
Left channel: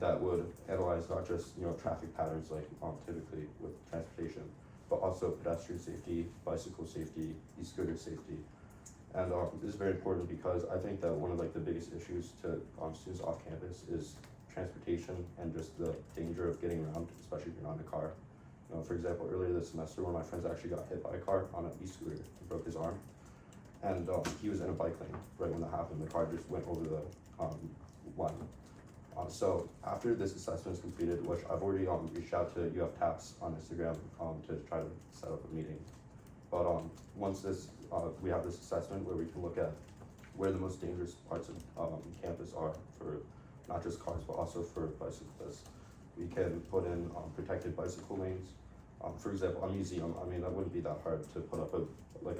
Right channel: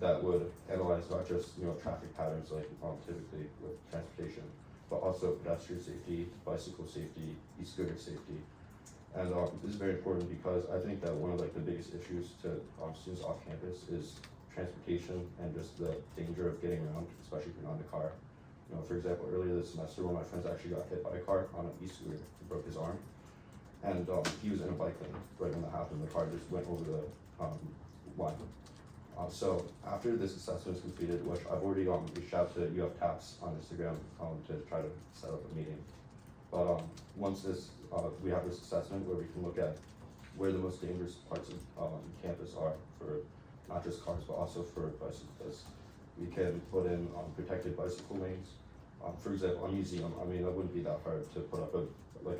that would analyze not just, traffic patterns like typically with transportation, but also pedestrian safety, bicycle safety, e-scooter safety. And this is very important because I think that one of like the biggest issues to students off campus is transportation and just the danger of getting around, especially if you're not in a car. For example, earlier this semester, one of my friends actually got hit by a car on an e-scooter and broke his arm. And he was in a bike lane right when that happened. The car just went over the line. So after this assessment is completed, which I've already reached out to UF TAPS on Instagram to try to set up a meeting. But once this we have this assessment where we can look at where the most dangerous parts of campus are for not just cars but also for bicyclists. We can put in protected bicycle lanes. For example, on Museum, I mean that wouldn't be that hard to put up a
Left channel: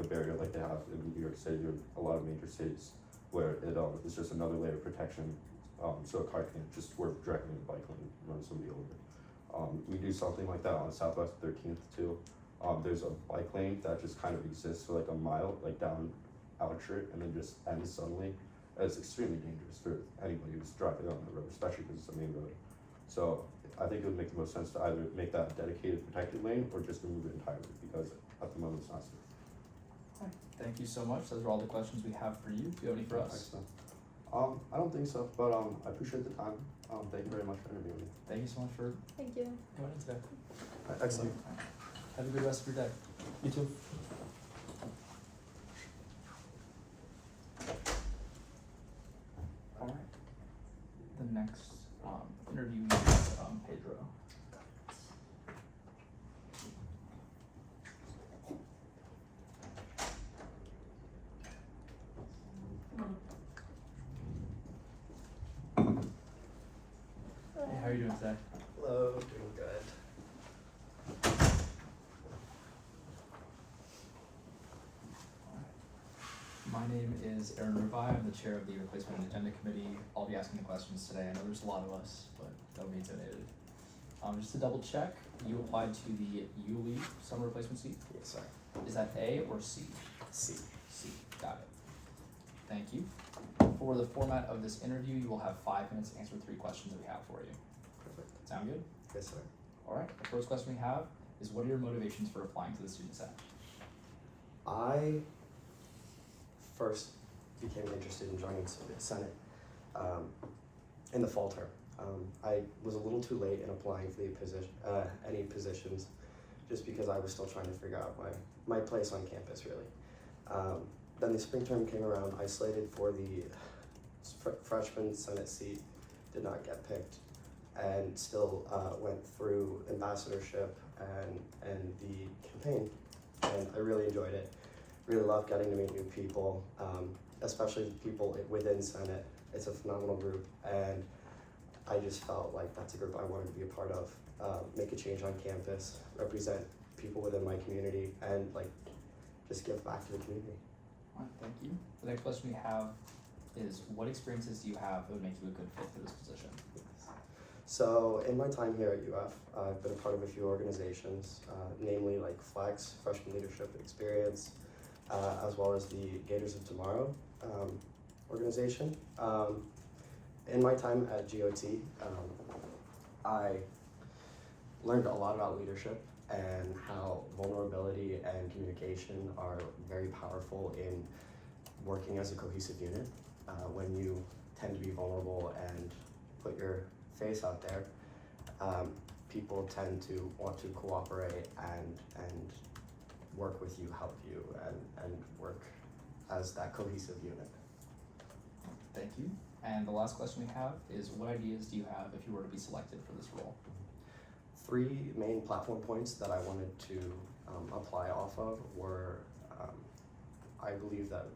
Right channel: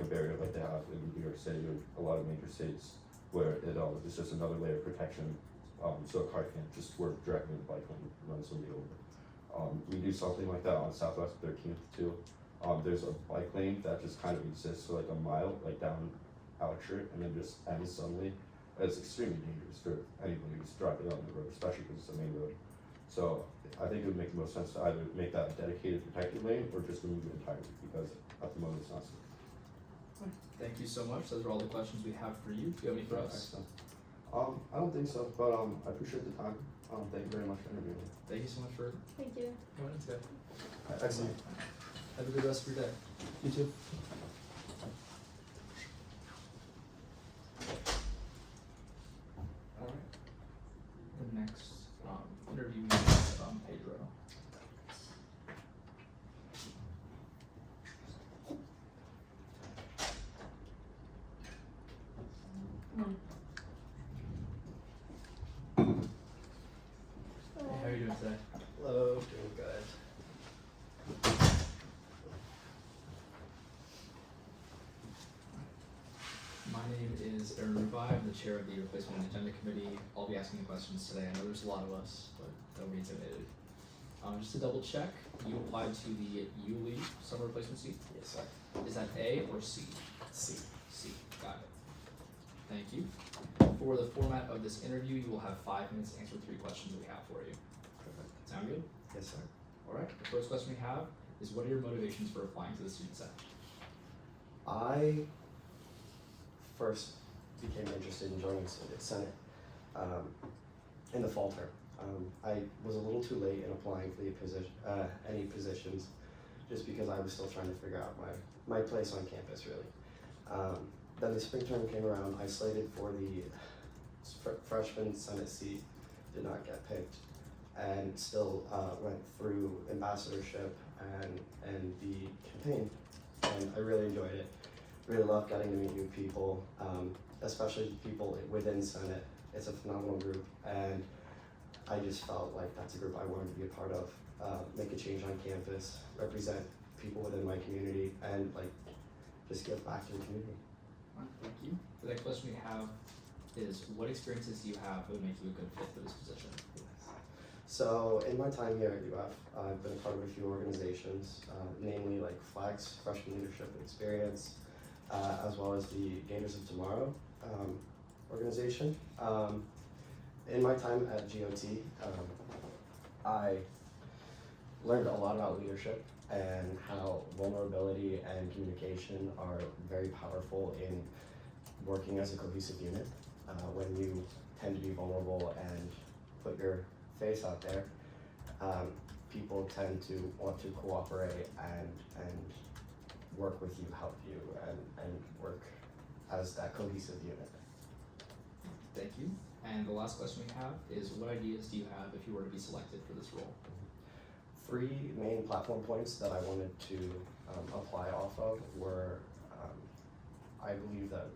barrier like they have in New York City or a lot of major cities where it's just another layer of protection, so a car can't just swerve directly in the bike lane and run somebody over. We do something like that on Southwest 13th too. There's a bike lane that just kind of exists for like a mile, like down Altritt, and then just ends suddenly. It's extremely dangerous for anybody who's driving on the road, especially because it's a main road. So I think it would make the most sense to either make that a dedicated protected lane or just remove it entirely because at the moment it's not safe. Thank you so much. Those are all the questions we have for you. Do you have any for us? I don't think so, but I appreciate the time. Thank you very much for interviewing me. Thank you so much for Thank you. going in today. Excellent. Have a good rest of your day. You too. All right. The next interview is Pedro. Hey, how are you doing today? Hello, doing good. My name is Aaron Rubai. I'm the chair of the Replacement and Agenda Committee. I'll be asking the questions today. I know there's a lot of us, but don't be intimidated. Just to double check, you applied to the ULE summer replacement seat? Yes, sir. Is that A or C? C. C. Got it. Thank you. For the format of this interview, you will have 5 minutes to answer 3 questions we have for you. Perfect. Sound good? Yes, sir. All right. The first question we have is, what are your motivations for applying to the Student Senate? I first became interested in joining the Senate in the fall term. I was a little too late in applying for any positions just because I was still trying to figure out my place on campus, really. Then the spring term came around. I slated for the freshman Senate seat, did not get picked, and still went through ambassadorship and the campaign, and I really enjoyed it. Really loved getting to meet new people, especially people within Senate. It's a phenomenal group, and I just felt like that's a group I wanted to be a part of, make a change on campus, represent people within my community, and just give back to the community. All right, thank you. The next question we have is, what experiences do you have that would make you a good fit for this position? So in my time here at UF, I've been a part of a few organizations, namely like FLEX, Freshman Leadership Experience, as well as the Gators of Tomorrow organization. In my time at GOT, I learned a lot about leadership and how vulnerability and communication are very powerful in working as a cohesive unit. When you tend to be vulnerable and put your face out there, people tend to want to cooperate and work with you, help you, and work as that cohesive unit. Thank you. And the last question we have is, what ideas do you have if you were to be selected for this role? 3 main platform points that I wanted to apply off of were, I believe that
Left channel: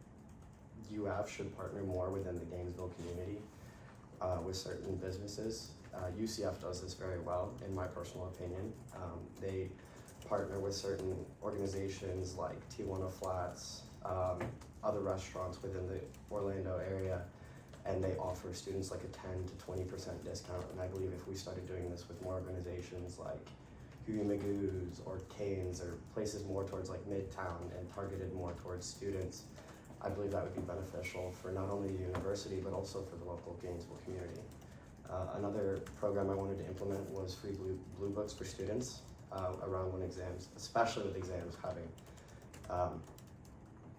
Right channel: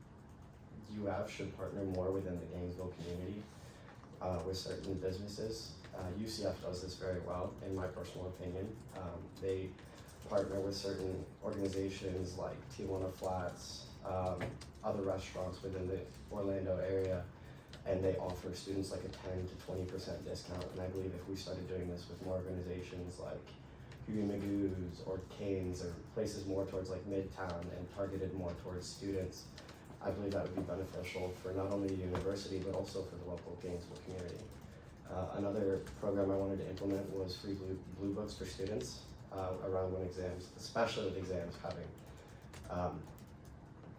UF should partner more within the Gainesville community with certain businesses. UCF does this very well, in my personal opinion. They partner with certain organizations like Tijuana Flats, other restaurants within the Orlando area, and they offer students like a 10 to 20% discount. And I believe if we started doing this with more organizations like Huey Magoo's or Canes or places more towards like Midtown and targeted more towards students, I believe that would be beneficial for not only the university but also for the local Gainesville community. Another program I wanted to implement was free blue books for students around when exams, especially with exams having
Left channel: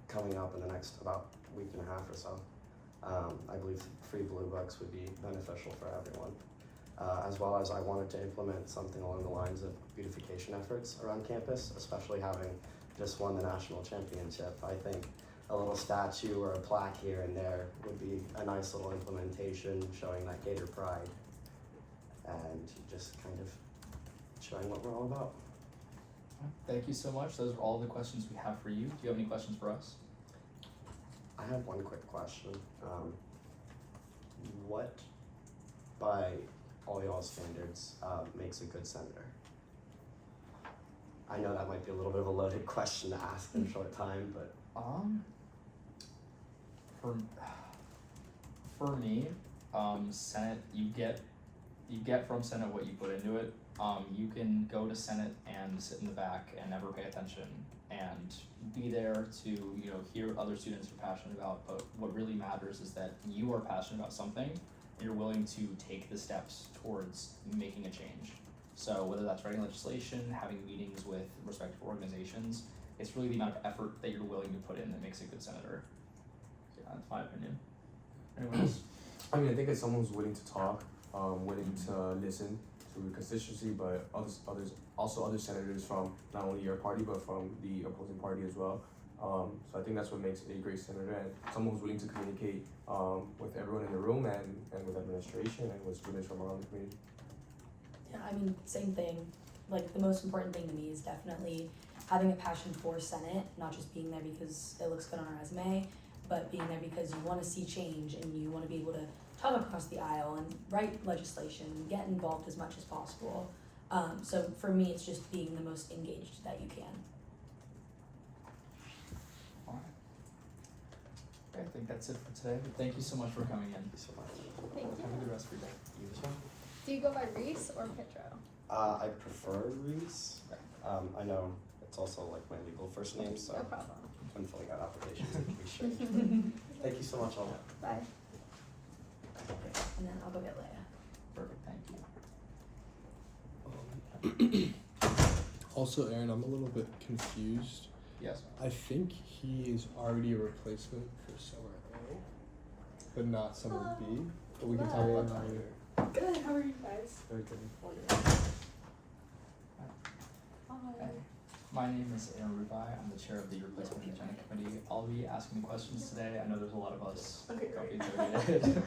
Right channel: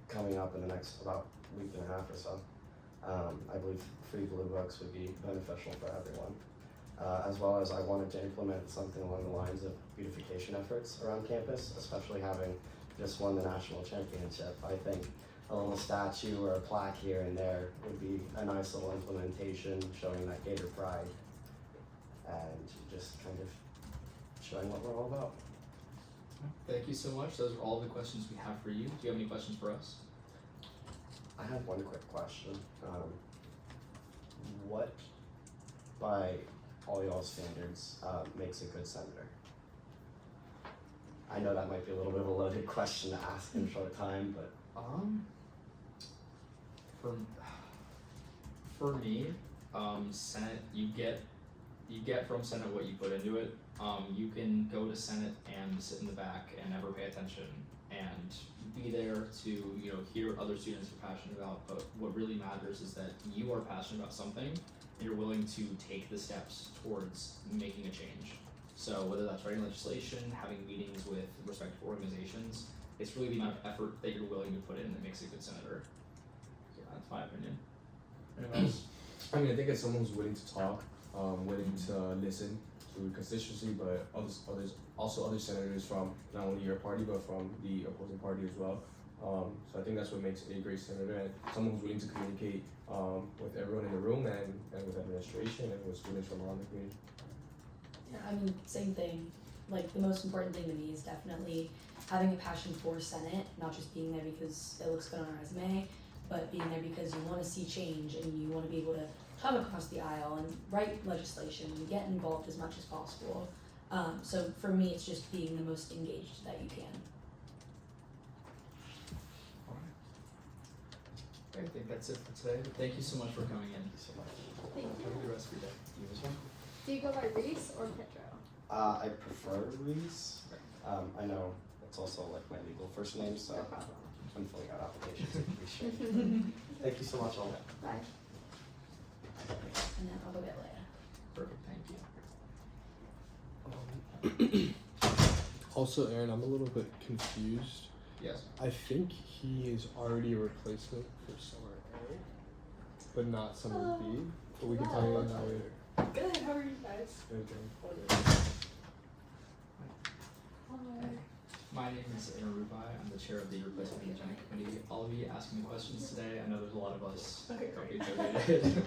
coming up in the next about week and a half or so. I believe free blue books would be beneficial for everyone. As well as I wanted to implement something along the lines of beautification efforts around campus, especially having just won the national championship. I think a little statue or a plaque here and there would be a nice little implementation showing that Gator pride and just kind of showing what we're all about. Thank you so much. Those are all the questions we have for you. Do you have any questions for us? I have one quick question. What, by all y'all standards, makes a good senator? I know that might be a little bit of a loaded question to ask in a short time, but for me, Senate, you get from Senate what you put into it. You can go to Senate and sit in the back and never pay attention and be there to, you know, hear what other students are passionate about, but what really matters is that you are passionate about something and you're willing to take the steps towards making a change. So whether that's writing legislation, having meetings with respective organizations, it's really the amount of effort that you're willing to put in that makes a good senator. So yeah, that's my opinion. Anyone else? I mean, I think it's someone who's willing to talk, willing to listen to constituency, but other senators from not only your party but from the opposing party as well. So I think that's what makes a great senator, and someone who's willing to communicate with everyone in the room and with administration and with students from around the community. Yeah, I mean, same thing. Like, the most important thing to me is definitely having a passion for Senate, not just being there because it looks good on a resume, but being there because you want to see change and you want to be able to talk across the aisle and write legislation and get involved as much as possible. So for me, it's just being the most engaged that you can. Alright. I think that's it for today. Thank you so much for coming in. Thank you. Have a good rest of your day. Do you go by Reese or Pedro? I prefer Reese. I know it's also like my legal first name, so No problem. I'm filling out applications to be sure. Thank you so much, all. Bye. And then I'll go get Leia. Perfect, thank you. Also, Aaron, I'm a little bit confused. Yes. I think he is already a replacement for summer A, but not summer B. But we can talk about that later. Good, how are you guys? Hey, my name is Aaron Rubai. I'm the chair of the Replacement Agenda Committee. I'll be asking the questions today. I know there's a lot of us don't get intimidated.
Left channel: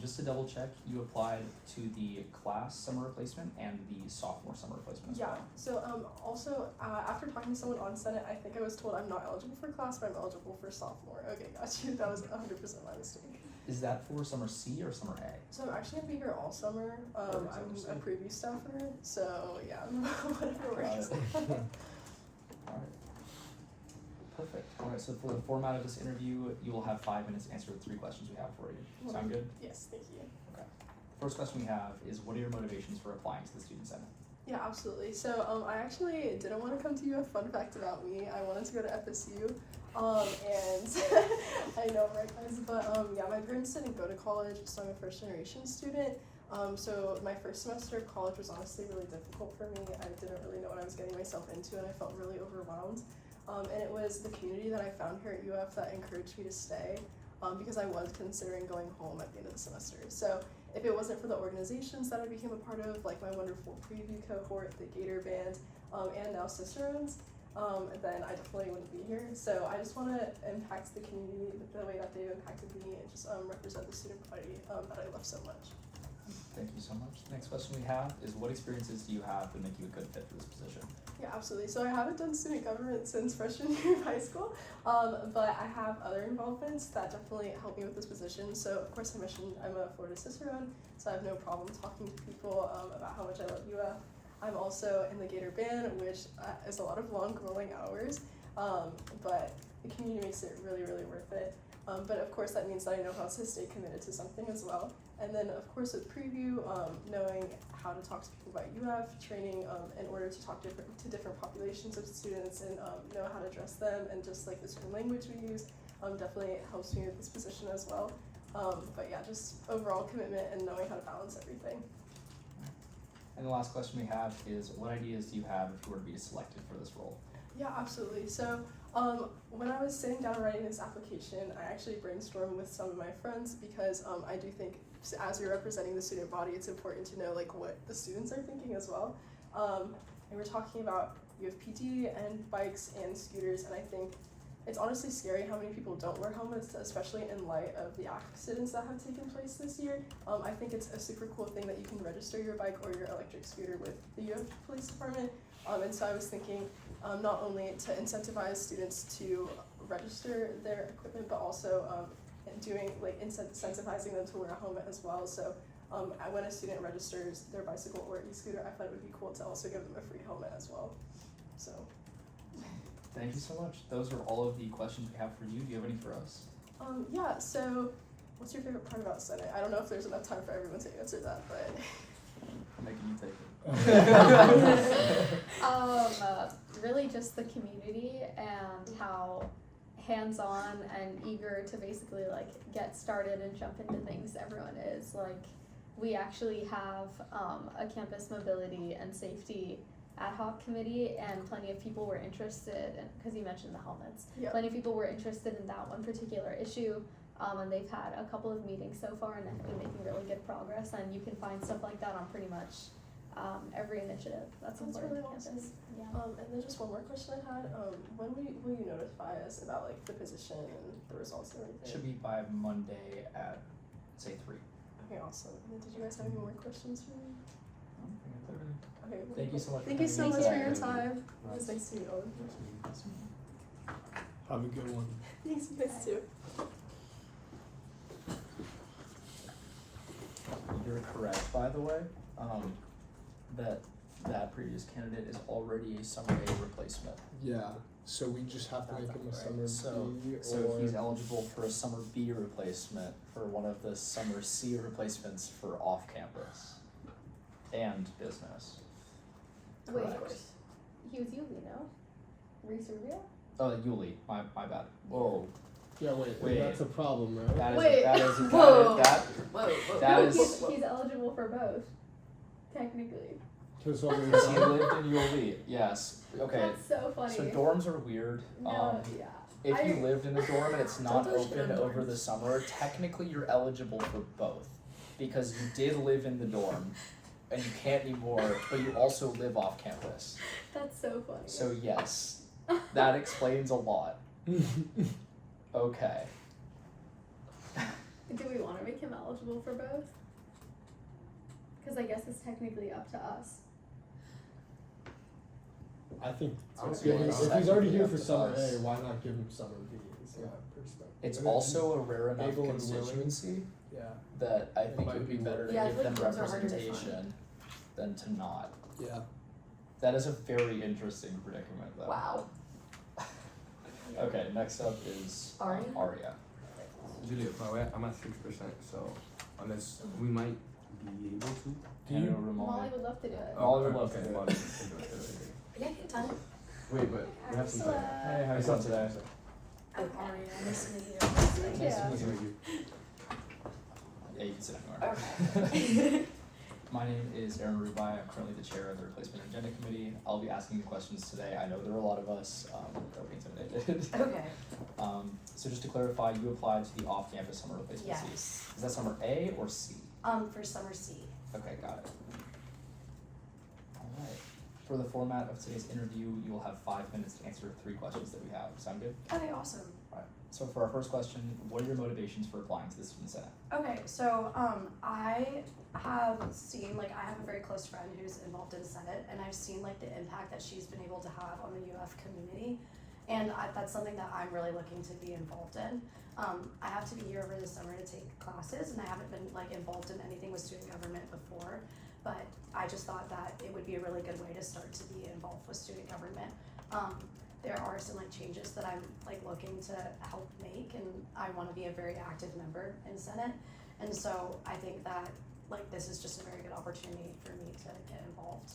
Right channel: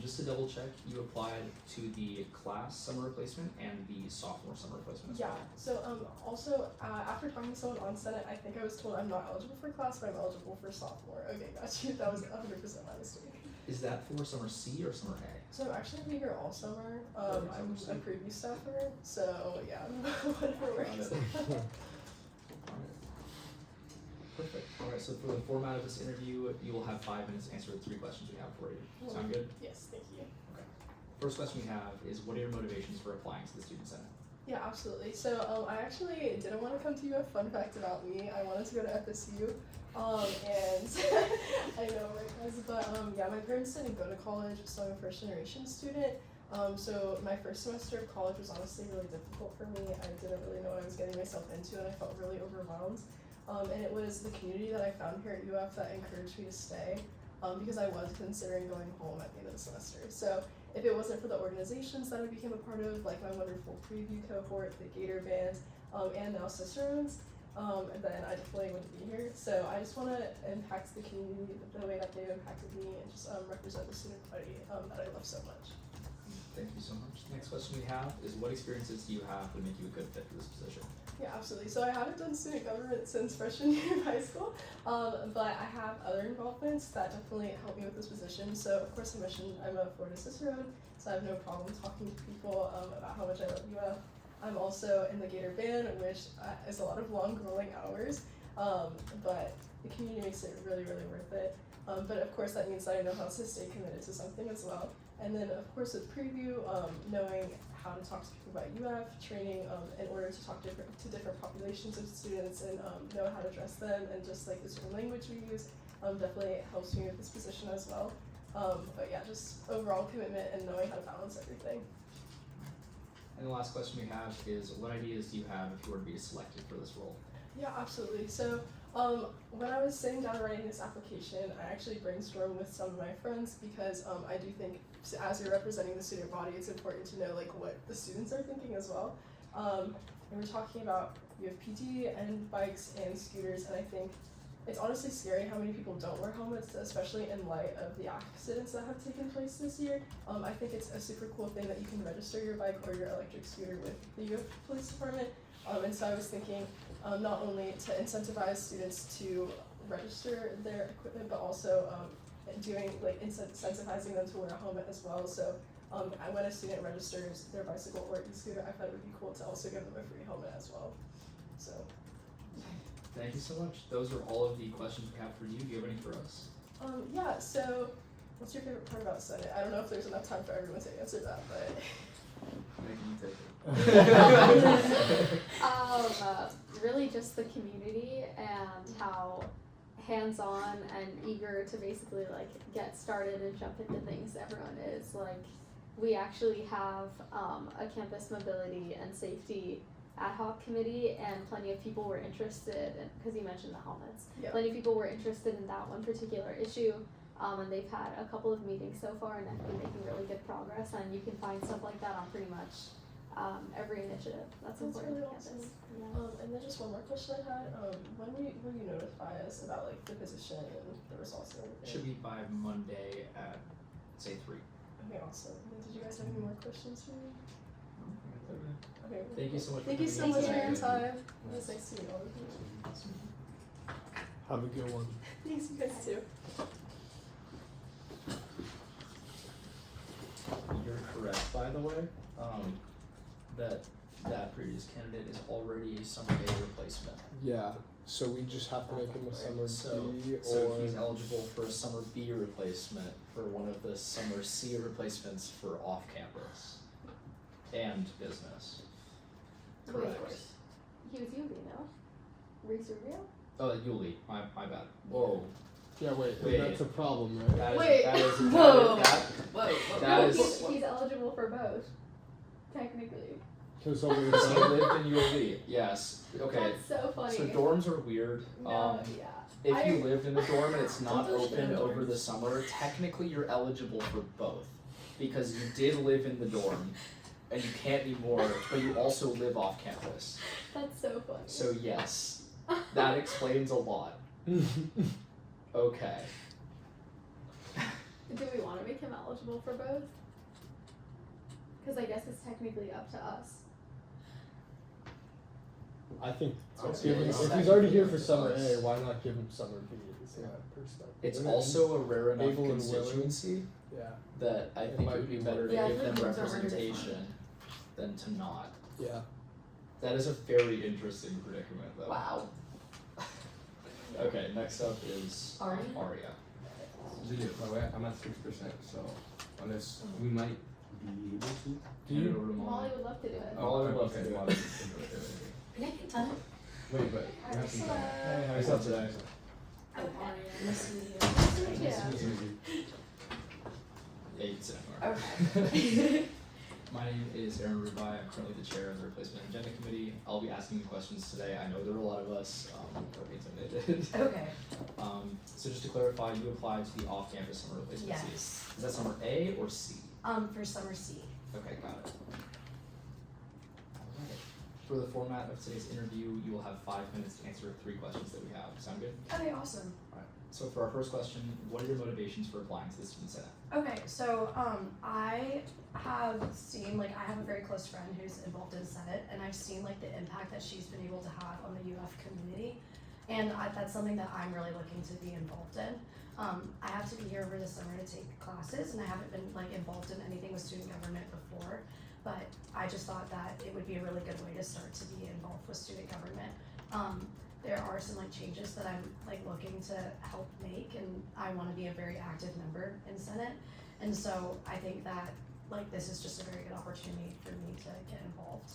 Just to double check, you applied to the class summer replacement and the sophomore summer replacement as Yeah, well. so also after talking to someone on Senate, I think I was told I'm not eligible for class, but I'm eligible for sophomore. Okay, got you. That was 100% my mistake. Is that for summer C or summer A? So I'm actually gonna be here all summer. I'm a preview staffer, so yeah, whatever Got works. it. Alright. Perfect. Alright, so for the format of this interview, you will have 5 minutes to answer the 3 questions we have for you. Sound good? Yes, thank you. Okay. The first question we have is, what are your motivations for applying to the Student Senate? Yeah, absolutely. So I actually didn't want to come to UF. Fun fact about me, I wanted to go to FSU. And I know, right guys, but yeah, my parents didn't go to college, so I'm a first generation student. So my first semester of college was honestly really difficult for me. I didn't really know what I was getting myself into, and I felt really overwhelmed. And it was the community that I found here at UF that encouraged me to stay, because I was considering going home at the end of the semester. So if it wasn't for the organizations that I became a part of, like my wonderful preview cohort, the Gator Band, and now Cicerones, then I definitely wouldn't be here. So I just want to impact the community the way that they impacted me and just represent the student body that I love so much. Thank you so much. The next question we have is, what experiences do you have that make you a good fit for this position? Yeah, absolutely. So I haven't done student government since freshman year of high school, but I have other involvements that definitely help me with this position. So of course I mentioned I'm a Florida Cicerone, so I have no problem talking to people about how much I love UF. I'm also in the Gator Band, which is a lot of long, grueling hours, but the community makes it really, really worth it. But of course that means that I know how to stay committed to something as well. And then of course with preview, knowing how to talk to people about UF, training in order to talk to different populations of students and know how to address them, and just like the certain language we use definitely helps me with this position as well. But yeah, just overall commitment and knowing how to balance everything. And the last question we have is, what ideas do you have if you were to be selected for this role? Yeah, absolutely. So when I was sitting down writing this application, I actually brainstormed with some of my friends because I do think as you're representing the student body, it's important to know like what the students are thinking as well. And we're talking about you have PT and bikes and scooters, and I think it's honestly scary how many people don't wear helmets, especially in light of the accidents that have taken place this year. I think it's a super cool thing that you can register your bike or your electric scooter with the UF Police Department. And so I was thinking not only to incentivize students to register their equipment, but also doing like incentivizing them to wear a helmet as well. So when a student registers their bicycle or e-scooter, I thought it would be cool to also give them a free helmet as well. So. Thank you so much. Those are all of the questions we have for you. Do you have any for us? Yeah, so what's your favorite part about Senate? I don't know if there's enough time for everyone to answer that, but. Megan, you take it. Really just the community and how hands-on and eager to basically like get started and jump into things everyone is. Like, we actually have a campus mobility and safety ad hoc committee, and plenty of people were interested in, because you mentioned the helmets, plenty of people were interested in that one particular issue, and they've had a couple of meetings so far and have been making really good progress, and you can find stuff like that on pretty much every initiative that's important really to campus. awesome. Yeah. And then just one more question I had, when will you notify us about like the position and the results and everything? Should be by Monday at, say, 3. Okay, awesome. And then did you guys have any more questions for me? Okay, really Thank you cool. so much for Thank you so coming much in for your today. time. It was nice to meet all of you. Have a good one. Thanks, you guys too. You're correct, by the way, that previous candidate is already a summer A replacement. Yeah, so we just have to make him a summer B, So or he's eligible for a summer B replacement for one of the summer C replacements for off campus and business. Wait, Correct. he was Yubi, no? Reese Rubio? Oh, Yuli, my bad. Whoa. yeah, wait, Wait. that's a problem, right? That is Wait. that is Whoa. that No, is he's eligible for both, technically. Because over because he the lived in Yuli. Yes. Okay. That's so funny. So dorms are weird. No, yeah. If you I- lived in a dorm and it's not Don't open shit on over dorms. the summer, technically you're eligible for both. Because you did live in the dorm and you can't anymore, but you also live off campus. That's so funny. So yes, that explains a lot. Okay. Do we want to make him eligible for both? Because I guess it's technically up to us. I think Sounds give him, good. if he's already here for Up to summer us. A, why not give him summer B? Is that perspective? It's And then- also a rare enough able and willing. constituency yeah, that I It think it might would be be better to Yeah, I give feel them like dorms are harder to find. representation than to not. yeah. That is a very interesting predicament though. Wow. Okay, next up is Aria? Aria. Video, I'm at 6%, so unless we might be able to. Hand it over to Molly Molly. would love to do it. Molly would love to okay, do it. Molly. Can I get time? Wait, but we have some time. Hey, how are you doing today? Oh, Aria, nice to meet you. Yeah. Nice to meet you. Yeah, you can sit anywhere. Okay. My name is Aaron Rubai. I'm currently the chair of the Replacement Agenda Committee. I'll be asking you questions today. I know there are a lot of us. Don't be intimidated. Okay. So just to clarify, you applied to the off-campus summer replacement seat. Yes. Is that summer A or C? For summer C. Okay, got it. Alright. For the format of today's interview, you will have 5 minutes to answer 3 questions that we have. Sound good? Okay, awesome. Alright. So for our first question, what are your motivations for applying to the Student Senate? Okay, so I have seen, like, I have a very close friend who's involved in Senate, and I've seen like the impact that she's been able to have on the UF community, and that's something that I'm really looking to be involved in. I have to be here over the summer to take classes, and I haven't been like involved in anything with student government before, but I just thought that it would be a really good way to start to be involved with student government. there are some like changes that I'm like looking to help make, and I want to be a very active member in Senate, and so I think that like this is just a very good opportunity for me to get involved.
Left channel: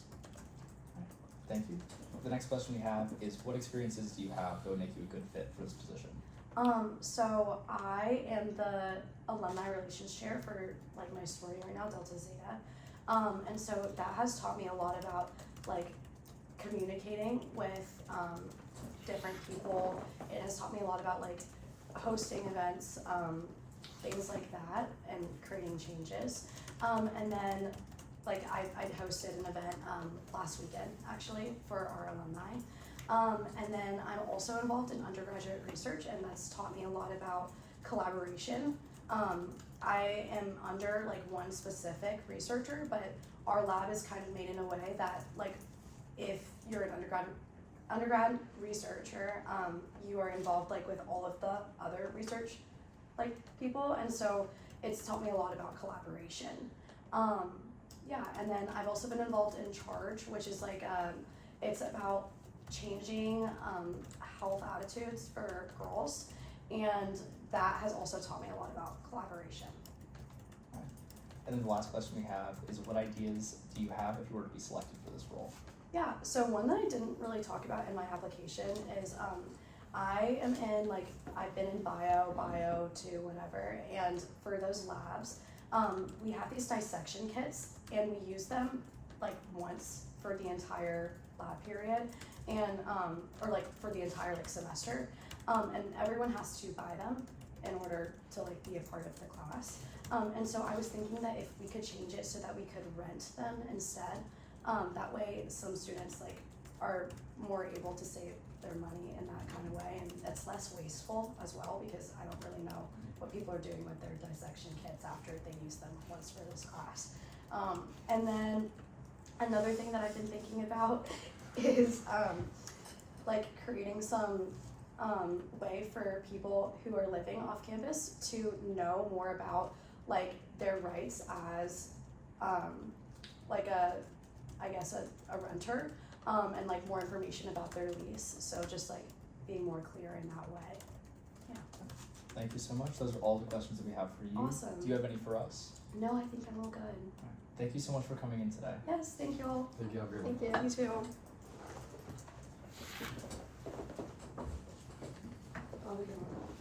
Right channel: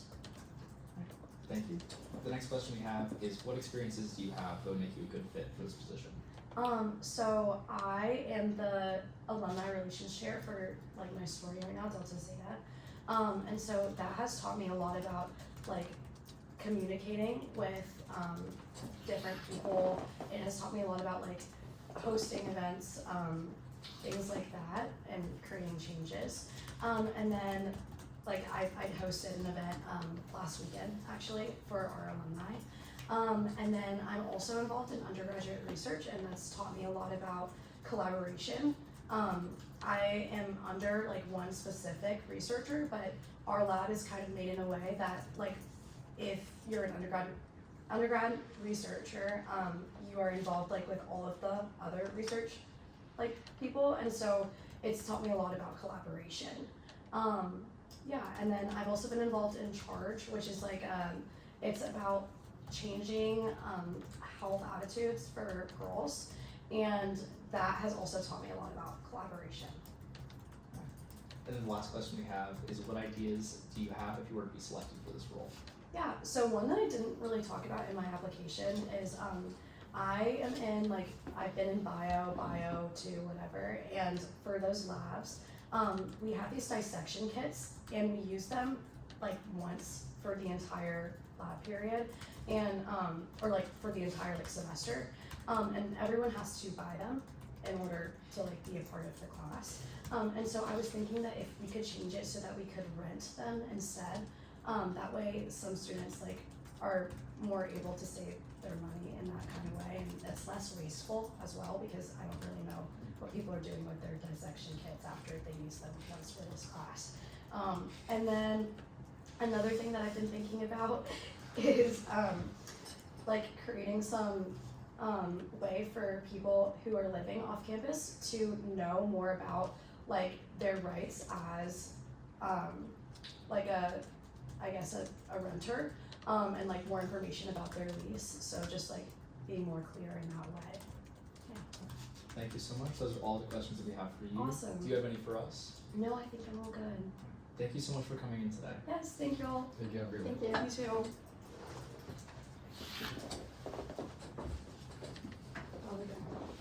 Thank you. The next question we have is, what experiences do you have that would make you a good fit for this position? So I am the alumni relations chair for like my sorority right now, Delta Zeta. And so that has taught me a lot about like communicating with different people. It has taught me a lot about like hosting events, things like that, and creating changes. And then like I hosted an event last weekend actually for our alumni. And then I'm also involved in undergraduate research, and that's taught me a lot about collaboration. I am under like one specific researcher, but our lab is kind of made in a way that like if you're an undergrad researcher, you are involved like with all of the other research like people, and so it's taught me a lot about collaboration. Yeah, and then I've also been involved in Charge, which is like it's about changing health attitudes for girls, and that has also taught me a lot about collaboration. And then the last question we have is, what ideas do you have if you were to be selected for this role? Yeah, so one that I didn't really talk about in my application is I am in like, I've been in bio to whatever, and for those labs, we have these dissection kits, and we use them like once for the entire lab period, and or like for the entire like semester, and everyone has to buy them in order to like be a part of the class. And so I was thinking that if we could change it so that we could rent them instead, that way some students like are more able to save their money in that kind of way, and it's less wasteful as well, because I don't really know what people are doing with their dissection kits after they use them once for this class. And then another thing that I've been thinking about is like creating some way for people who are living off campus to know more about like their rights as like I guess a renter, and like more information about their lease, so just like being more clear in that way. Yeah. Thank you so much. Those are all the questions that we have for you. Awesome. Do you have any for us? No, I think I'm all good. Thank you so much for coming in today. Yes, thank you all. Thank you, have a great one. Thank you. You too.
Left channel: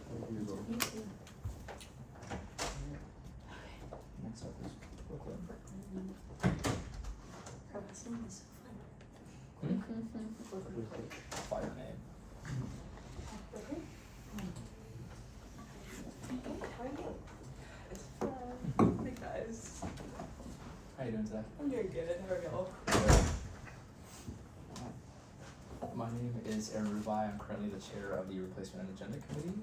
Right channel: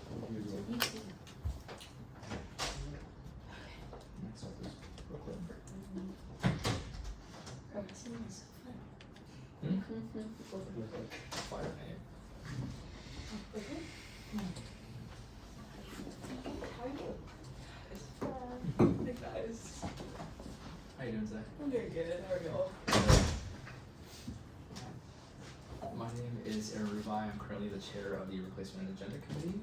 Thank you as well. You too. Next up is Brooklyn. Fire name. Hey guys, How you doing today? I'm doing good. How are y'all? My name is Aaron Rubai. I'm currently the chair of the Replacement and Agenda Committee.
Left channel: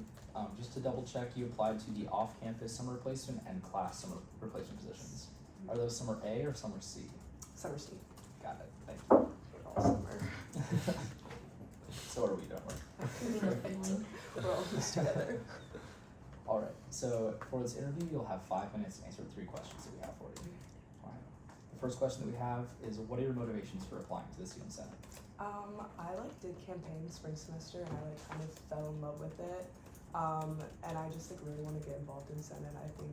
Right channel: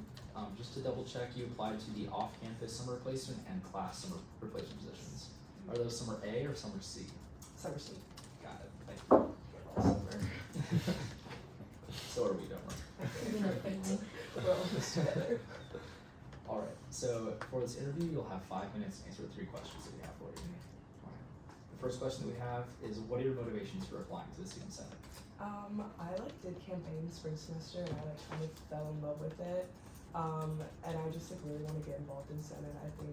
Just to double check, you applied to the off-campus summer replacement and class summer replacement positions. Are those summer A or summer C? Summer Street. Got it. Thank you. So are we, don't worry. We're almost together. Alright, so for this interview, you'll have 5 minutes to answer the 3 questions that we have for you. Alright. The first question that we have is, what are your motivations for applying to the student senate? I like did campaigns spring semester, and I like kind of fell in love with it. And I just like really want to get involved in Senate. I think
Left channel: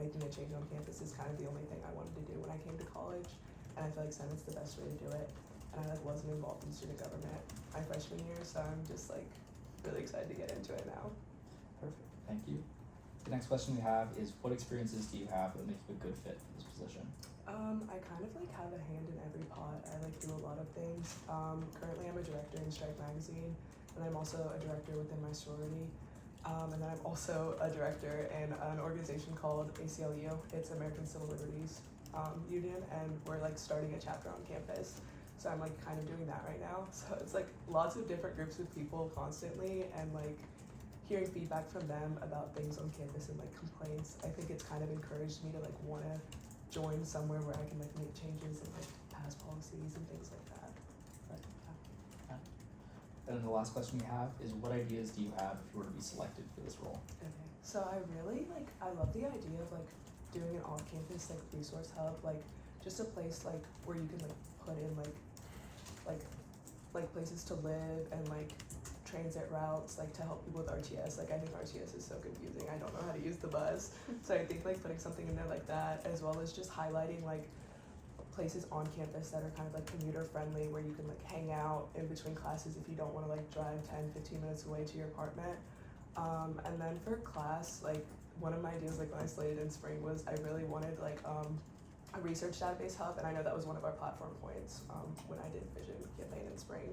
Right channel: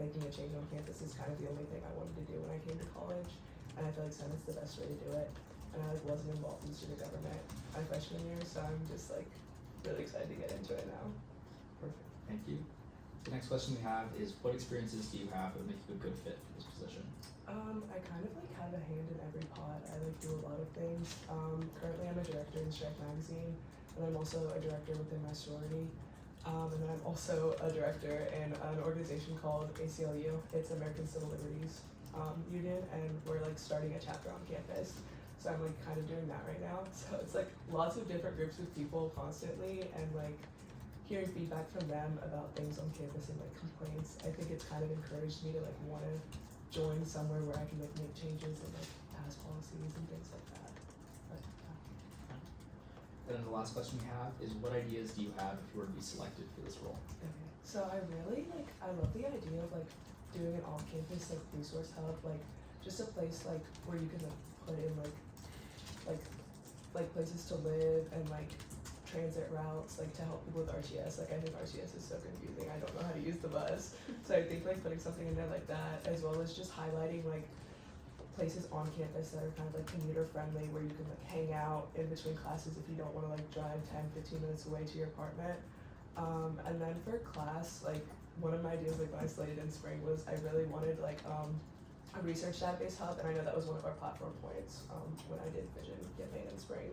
making a change on campus is kind of the only thing I wanted to do when I came to college, and I feel like Senate's the best way to do it. And I like wasn't involved in student government my freshman year, so I'm just like really excited to get into it now. Perfect, thank you. The next question we have is, what experiences do you have that would make you a good fit for this position? I kind of like have a hand in every pot. I like do a lot of things. Currently I'm a director in Strike Magazine, and I'm also a director within my sorority. And then I'm also a director in an organization called ACLU. It's American Civil Liberties Union, and we're like starting a chapter on campus. So I'm like kind of doing that right now. So it's like lots of different groups of people constantly, and like hearing feedback from them about things on campus and like complaints. I think it's kind of encouraged me to like want to join somewhere where I can like make changes and like pass policies and things like that. But, yeah. And then the last question we have is, what ideas do you have if you were to be selected for this role? Okay. So I really like, I love the idea of like doing an off-campus like resource hub, like just a place like where you can like put in like like places to live and like transit routes, like to help people with RTS. Like I think RTS is so confusing. I don't know how to use the bus. So I think like putting something in there like that, as well as just highlighting like places on campus that are kind of like commuter friendly, where you can like hang out in between classes if you don't want to like drive 10-15 minutes away to your apartment. And then for class, like one of my ideas like when I slated in spring was I really wanted like a research database hub, and I know that was one of our platform points when I did Vision get made in spring.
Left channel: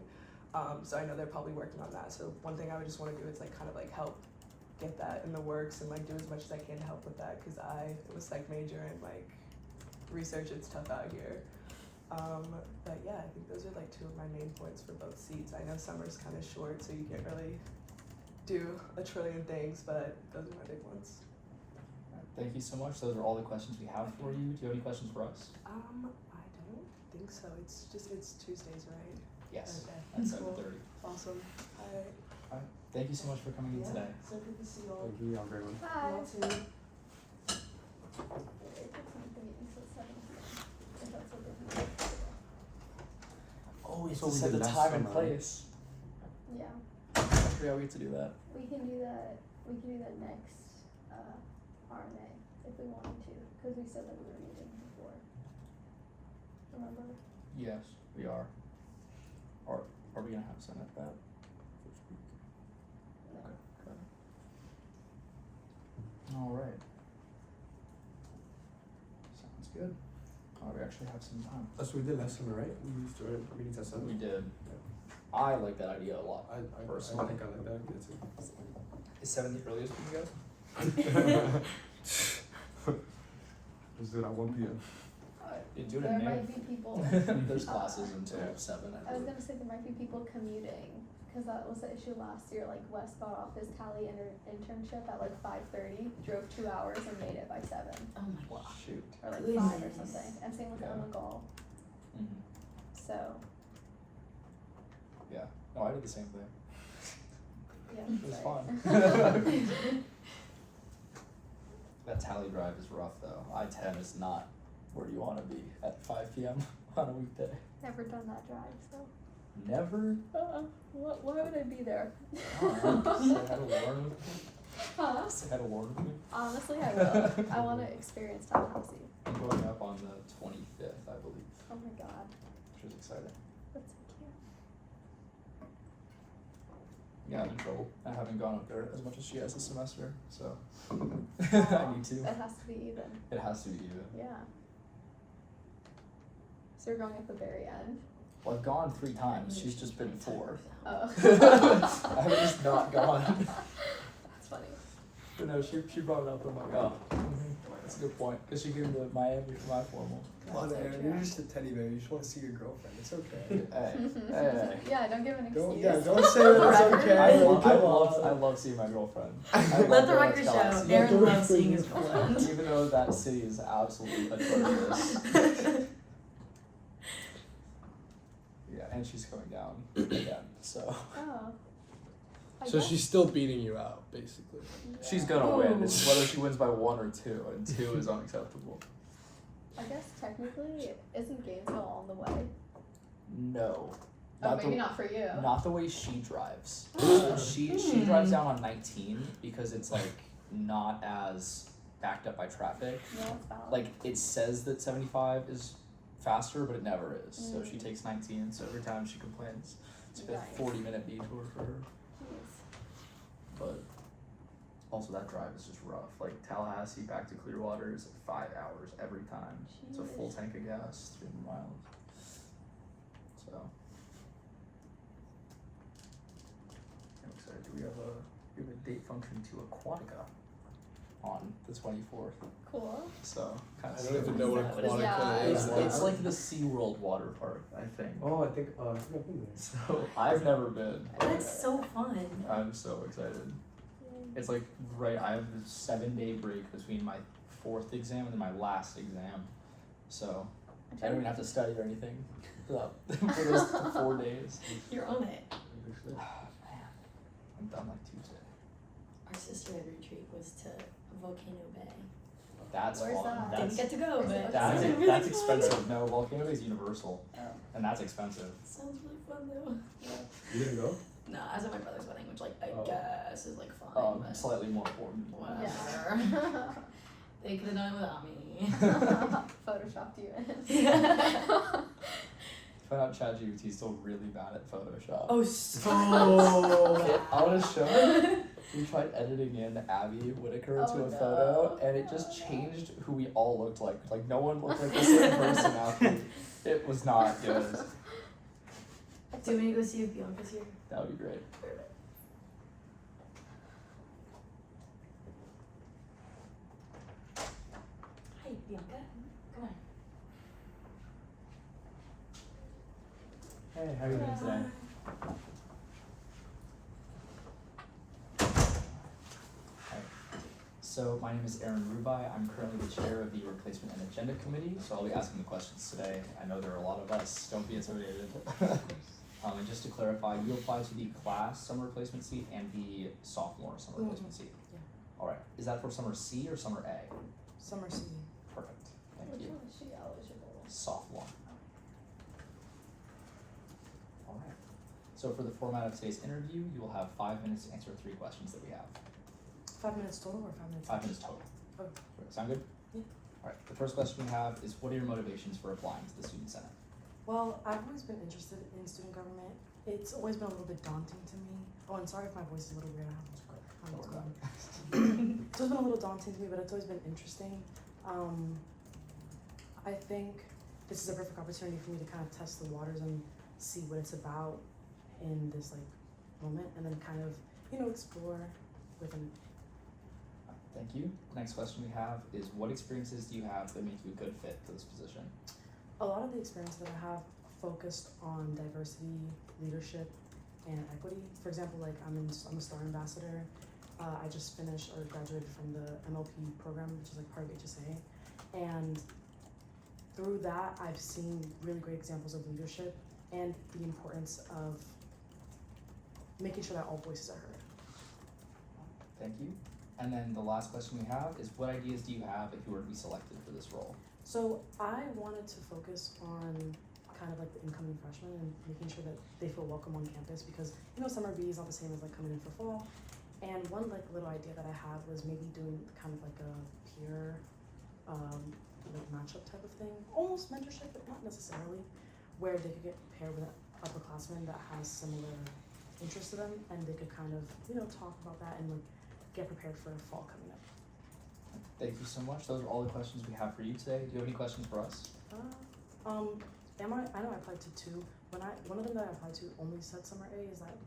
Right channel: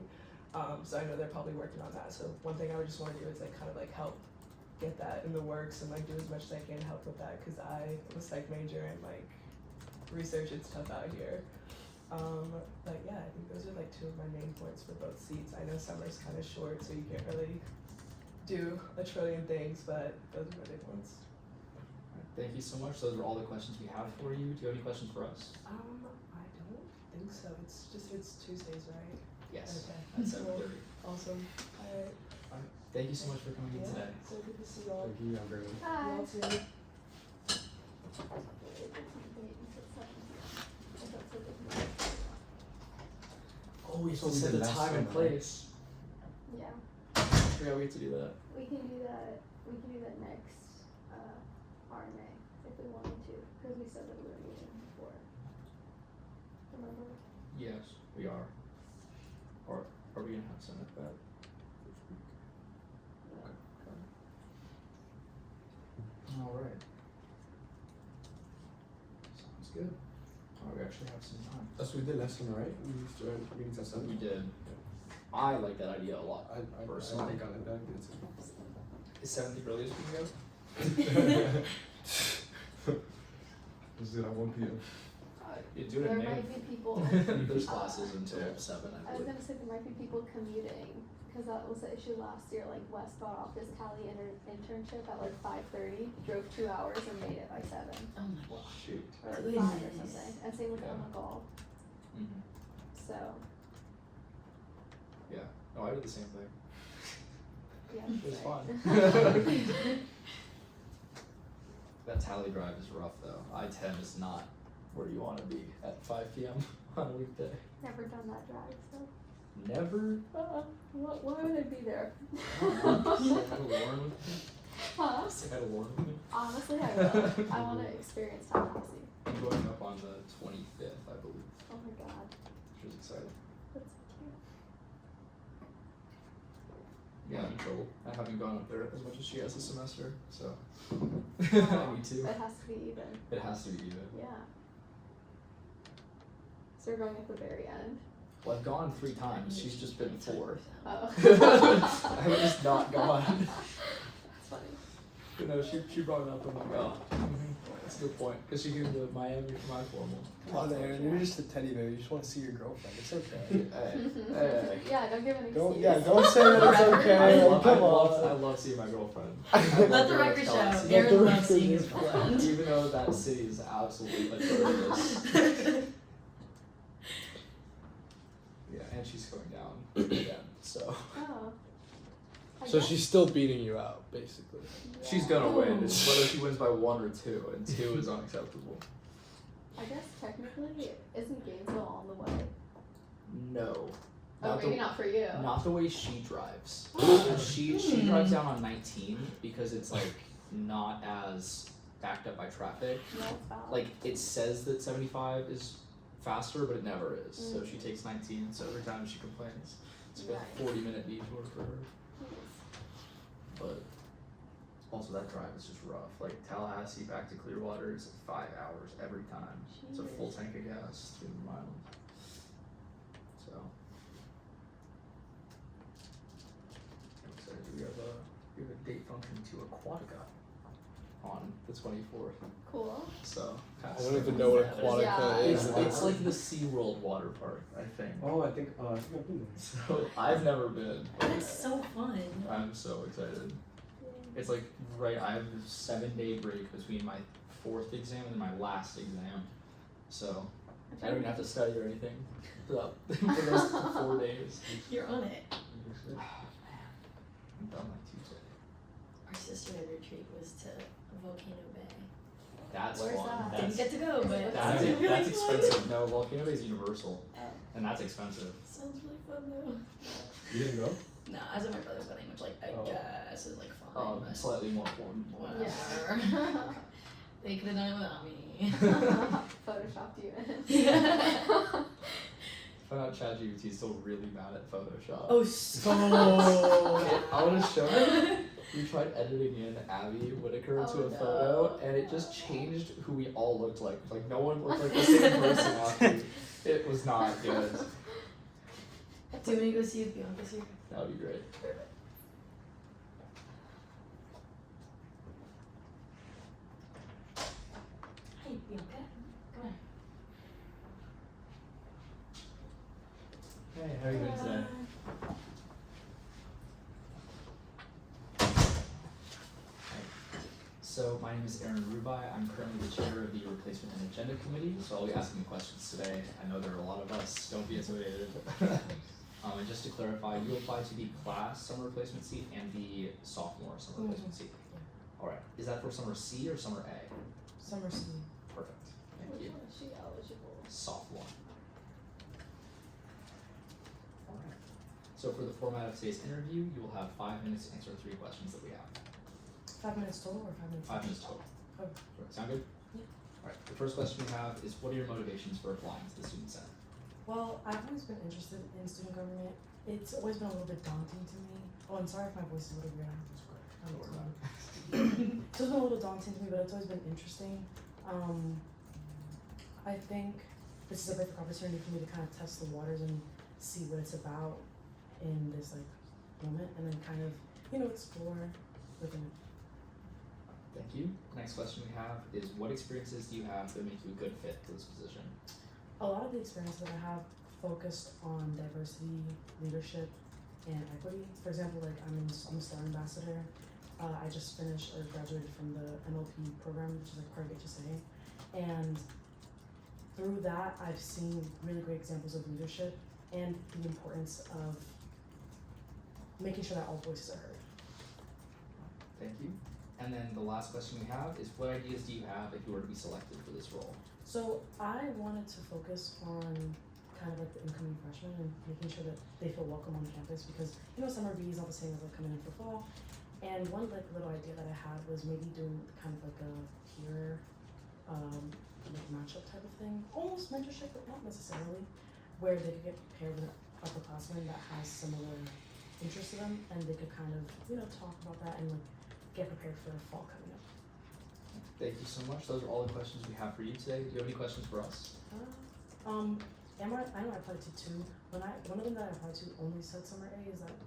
So I know they're probably working on that. So one thing I would just want to do is like kind of like help get that in the works and like do as much as I can to help with that, because I am a psych major and like research it's tough out here. But yeah, I think those are like two of my main points for both seats. I know summer's kind of short, so you can't really do a trillion things, but those are my big ones. Thank you so much. Those are all the questions we have for you. Do you have any questions for us? I don't think so. It's Tuesdays, right? Yes. Okay. At 7:30. Awesome. Alright. Alright. Thank you so much for coming in today. So good to see you all. Thank you. Have a great one. Hi. You all too. Oh, we have So to we set did the last time and summer, right? place. Yeah, I forgot we had to do that. we can do that. We can do that next RNA if we wanted to, because we said that we were meeting before. Remember? Yes, we are. Or are we gonna have some at that? Yeah. Alright. Sounds good. Oh, we actually have some time. That's what we did last summer, right? We started meetings at 7. We did. I like that idea a lot. I Personally. think I like that idea too. Is 7 the earliest for you guys? Let's do it at 1 p.m. You do it There at May. might be people. There's classes until 7, I I was believe. gonna say there might be people commuting, because that was the issue last year. Like Wes got off his Cali internship at like 5:30, drove 2 hours and made it by 7 Oh my Wow. Shoot. or like Really 5 or nice. something. And same with Yeah. Emma Gall. Mm-hmm. So Yeah. No, I did the same thing. yeah, It was right. fun. That tally drive is rough though. I-10 is not where you want to be at 5 p.m. on a weekday. Never done that drive, so Never. why would I be there? Say hi to Lauren with me. Huh? Say hi to Lauren with me. Honestly, I will. I want to experience Tallahassee. I'm going up on the 25th, I believe, Oh my god, which is exciting. that's so cute. Yeah, I'm in trouble. I haven't gone up there as much as she has this semester, so I need to. It has to be even. It has to be even. Yeah. So you're going at the very end. Well, I've gone 3 times. She's just been 4. Oh. I haven't just not gone. That's funny. But no, she brought it up. I'm like, oh, that's a good point. Because she came to Miami for my formal. Come on, Aaron, you're just a teddy bear. You just want to see your girlfriend. It's okay. Hey. Yeah, don't give an excuse. Don't say that it's okay. I love seeing my girlfriend. I love Let the going record to show. Tallahassee. Aaron loves seeing his girlfriend. Even though that city is absolutely atrocious. Yeah, and she's coming down again, so. Oh. I So guess- she's still beating you out, basically. She's yeah. gonna win. It's whether she wins by 1 or 2, and 2 is unacceptable. I guess technically, isn't Gainesville on the way? No. Oh, maybe not for you. Not the way she drives. she drives down on 19 because it's like not as backed up by traffic. Yeah, it's valid. Like it says that 75 is faster, but it never is. So Mm. she takes 19. So every time she complains, it's like Right. a 40-minute detour for her. Jeez. But also that drive is just rough. Like Tallahassee back to Clearwater is 5 hours every time. It's a full Jeez. tank of gas, 300 miles. So I'm excited. We have a date function to Aquatica on the 24th. Cool. So I kind don't even know what What is that? Aquatica is. It's like the SeaWorld water park, I think. Oh, I think I've been there. So I've never been. That's so fun. I'm so excited. Yeah. It's like right. I have a 7-day break between my 4th exam and my last exam, so I don't even have to study or anything for those 4 days. You're on it. Man, I'm done like Tuesday. Our sisterhood retreat was to Volcano Bay. That's Where's fun. that? Didn't get to go, but That's sounds really that's fun. expensive. No, Volcano Bay is Universal, Oh. and that's expensive. Sounds really fun though. You didn't go? No, I was at my brother's wedding, which like I Oh. guess is like fun. But Slightly more important. whatever. They could have done it without me. Photoshopped you in. Found out ChatGPT is still really bad at Photoshop. Oh, so. I want to show you. We tried editing in Abby Whitaker to a photo, and it just changed who we all looked like. Like, no one looked like the same person after. It was not good. Do you want to go see if Bianca's here? That would be great. Hey, Bianca. Come on. Hey, how are you doing today? Hi. So my name is Aaron Rubai. I'm currently the chair of the Replacement and Agenda Committee, so I'll be asking you questions today. I know there are a lot of us. Don't be intimidated. And just to clarify, you applied to the class summer replacement seat and the sophomore summer replacement seat. Yeah. All right. Is that for summer C or summer A? Summer C. Perfect. Thank Which you. one is she eligible? Sophomore. All right. So for the format of today's interview, you will have 5 minutes to answer 3 questions that we have. 5 minutes total or 5 minutes? 5 minutes total. Oh. Sound good? Yeah. All right. The first question we have is, what are your motivations for applying to the Student Senate? Well, I've always been interested in student government. It's always been a little bit daunting to me. Oh, and sorry if my voice is a little weird. Don't worry about it. It's always been a little daunting to me, but it's always been interesting. I think this is a perfect opportunity for me to kind of test the waters and see what it's about in this like moment, and then kind of explore within. Thank you. Next question we have is, what experiences do you have that make you a good fit for this position? A lot of the experience that I have focused on diversity, leadership, and equity. For example, like I'm a STAR ambassador. I just finished or graduated from the MLP program, which is a part of HSA, and through that I've seen really great examples of leadership and the importance of making sure that all voices are heard. Thank you. And then the last question we have is, what ideas do you have if you were to be selected for this role? So I wanted to focus on kind of like the incoming freshmen and making sure that they feel welcome on campus, because summer B is not the same as like coming in for fall. And one like little idea that I had was maybe doing kind of like a peer like matchup type of thing, almost mentorship, but not necessarily, where they could get paired with an upperclassman that has similar interests to them, and they could kind of talk about that and get prepared for fall coming up. Thank you so much. Those are all the questions we have for you today. Do you have any questions for us? I know I applied to 2. One of them that I applied to only said summer A. Is that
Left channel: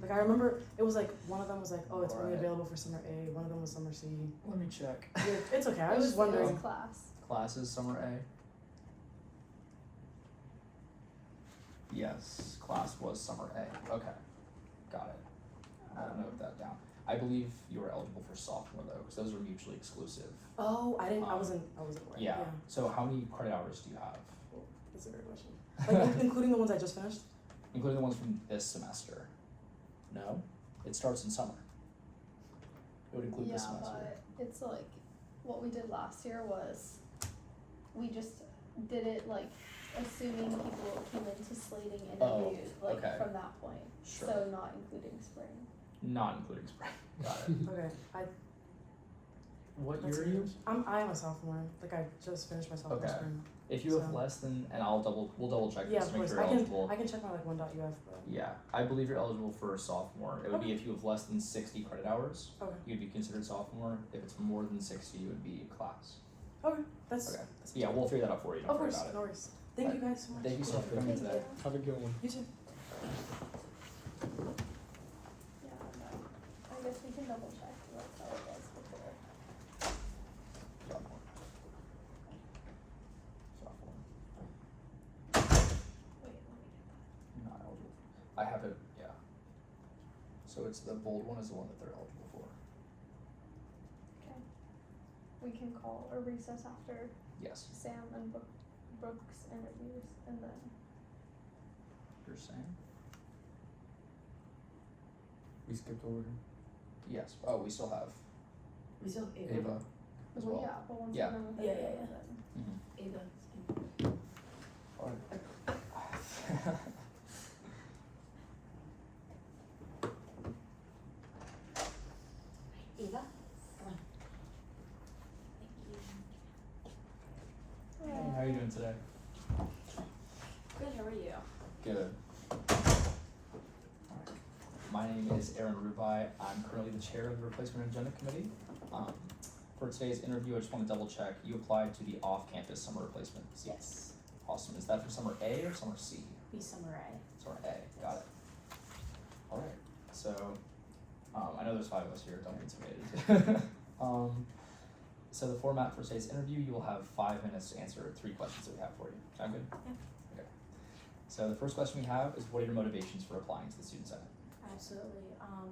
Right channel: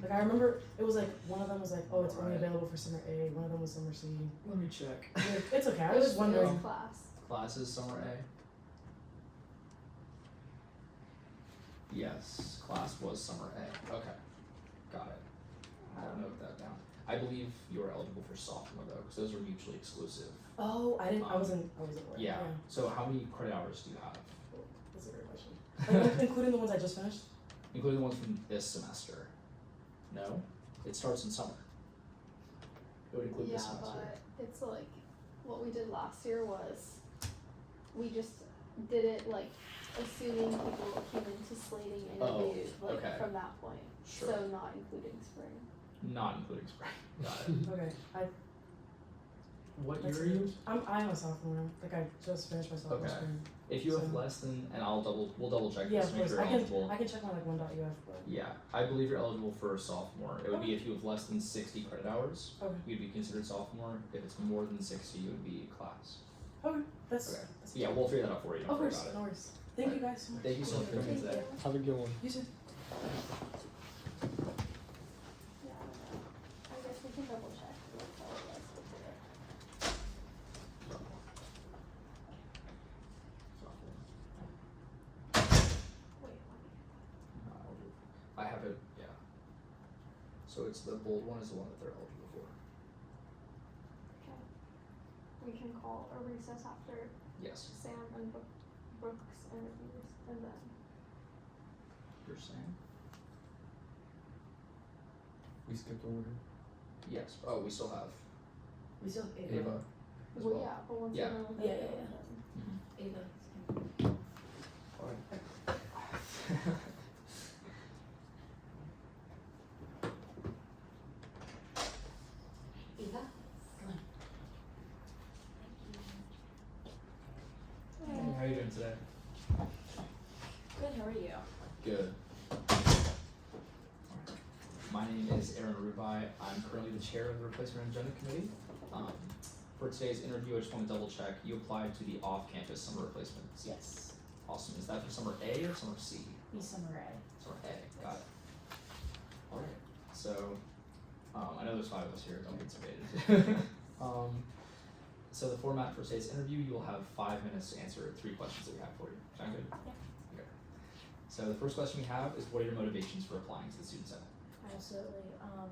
like, I remember it was like one of them was like, oh, it's only available for summer A. One of them was summer C. Let me check. It's okay. I was just wondering. Class. Classes summer A. Yes, class was summer A. Okay, got it. I'll note that down. I believe you are eligible for sophomore though, because those are mutually exclusive. Oh, I wasn't aware. Yeah. So how many credit hours do you have? That's a great question. Like, including the ones I just finished. Including the ones from this semester. No, it starts in summer. It would include this semester. But it's like what we did last year was we just did it like assuming people came into slating interviews from that point. Sure. So not including spring. Not including spring. Got it. Okay. What year are you? I'm a sophomore. Like I just finished my sophomore spring. If you have less than, and we'll double check this to make sure you're eligible. I can check my like 1.uf. But Yeah, I believe you're eligible for a sophomore. It would be if you have less than 60 credit hours. Okay. You'd be considered sophomore. If it's more than 60, you would be class. Okay. That's Yeah, we'll figure that out for you. Don't worry about it. No worries. Thank you guys so much. Thank you so much for coming in today. Have a good one. You too. Yeah, I don't know. I guess we can double check. Like how it was before. Sophomore. Wait, let me get that. Not eligible. I have it. Yeah. So it's the bold one is the one that they're eligible for. Okay. We can call or recess after Yes. Sam and Brooks interviews, and then You're saying? We skipped over her. Yes. Oh, we still have We still have Ava as well. yeah, but once Yeah. we're done with Yeah, it, yeah, yeah. then Ava. All right. Eva, come on. Hey, how are you doing today? Good, how are you? Good. My name is Aaron Rubai. I'm currently the chair of the Replacement Agenda Committee. For today's interview, I just want to double check. You applied to the off-campus summer replacement seat. Yes. Awesome. Is that for summer A or summer C? Be summer A. Summer A. Got it. All right. So, I know there's 5 of us here. Don't be intimidated. So the format for today's interview, you will have 5 minutes to answer 3 questions that we have for you. Sound good? Yeah. Okay. So the first question we have is, what are your motivations for applying to the Student Senate? Absolutely.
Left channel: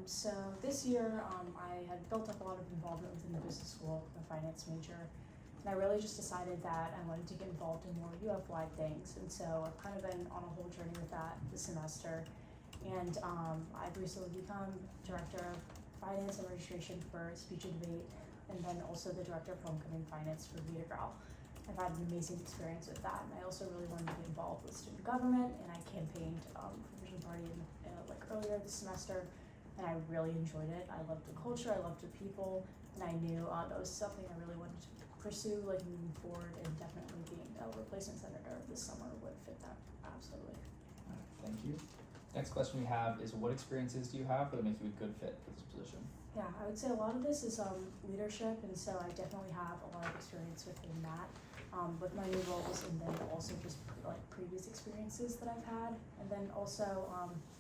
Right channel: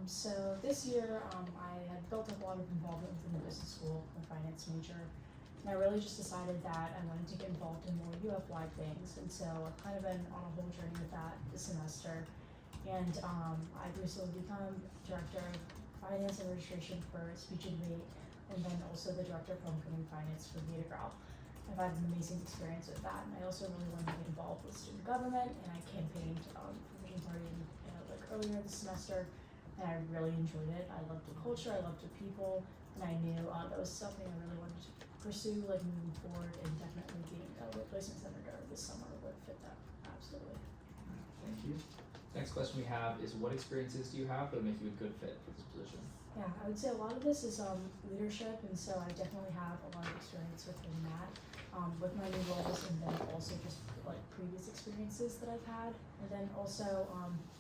So this year, I had built up a lot of involvement within the business school, my finance major, and I really just decided that I wanted to get involved in more UF-wide things, and so I've kind of been on a whole journey with that this semester. And I've recently become director of finance and registration for speech and debate, and then also the director of homecoming finance for the Grau. I've had an amazing experience with that, and I also really wanted to get involved with student government, and I campaigned for Vision Party like earlier this semester, and I really enjoyed it. I loved the culture, I loved the people, and I knew that was something I really wanted to pursue, like moving forward, and definitely being a replacement senator this summer would fit that absolutely. Thank you. Next question we have is, what experiences do you have that make you a good fit for this position? Yeah, I would say a lot of this is leadership, and so I definitely have a lot of experience within that, with my new roles, and then also just like previous experiences that I've had, and then also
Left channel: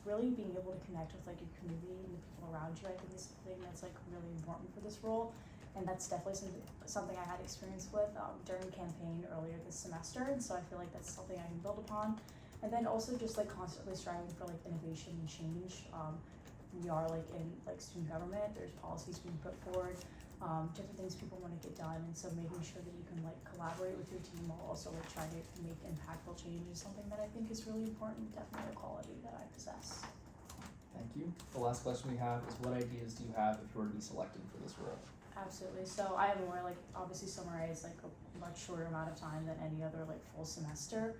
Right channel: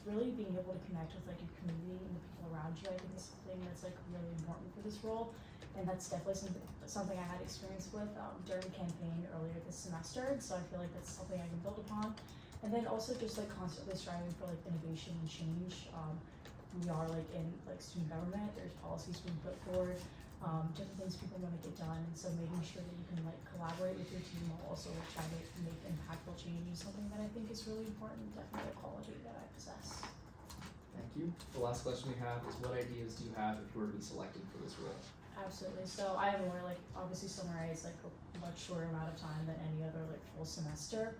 really being able to connect with like your community and the people around you. I think is something that's like really important for this role, and that's definitely something I had experience with during the campaign earlier this semester, and so I feel like that's something I can build upon. And then also just like constantly striving for like innovation and change. We are like in like student government, there's policies being put forward, different things people want to get done, and so making sure that you can like collaborate with your team while also like trying to make impactful change is something that I think is really important, definitely a quality that I possess. Thank you. The last question we have is, what ideas do you have if you were to be selected for this role? Absolutely. So I have more like obviously summer A is like a much shorter amount of time than any other like full semester.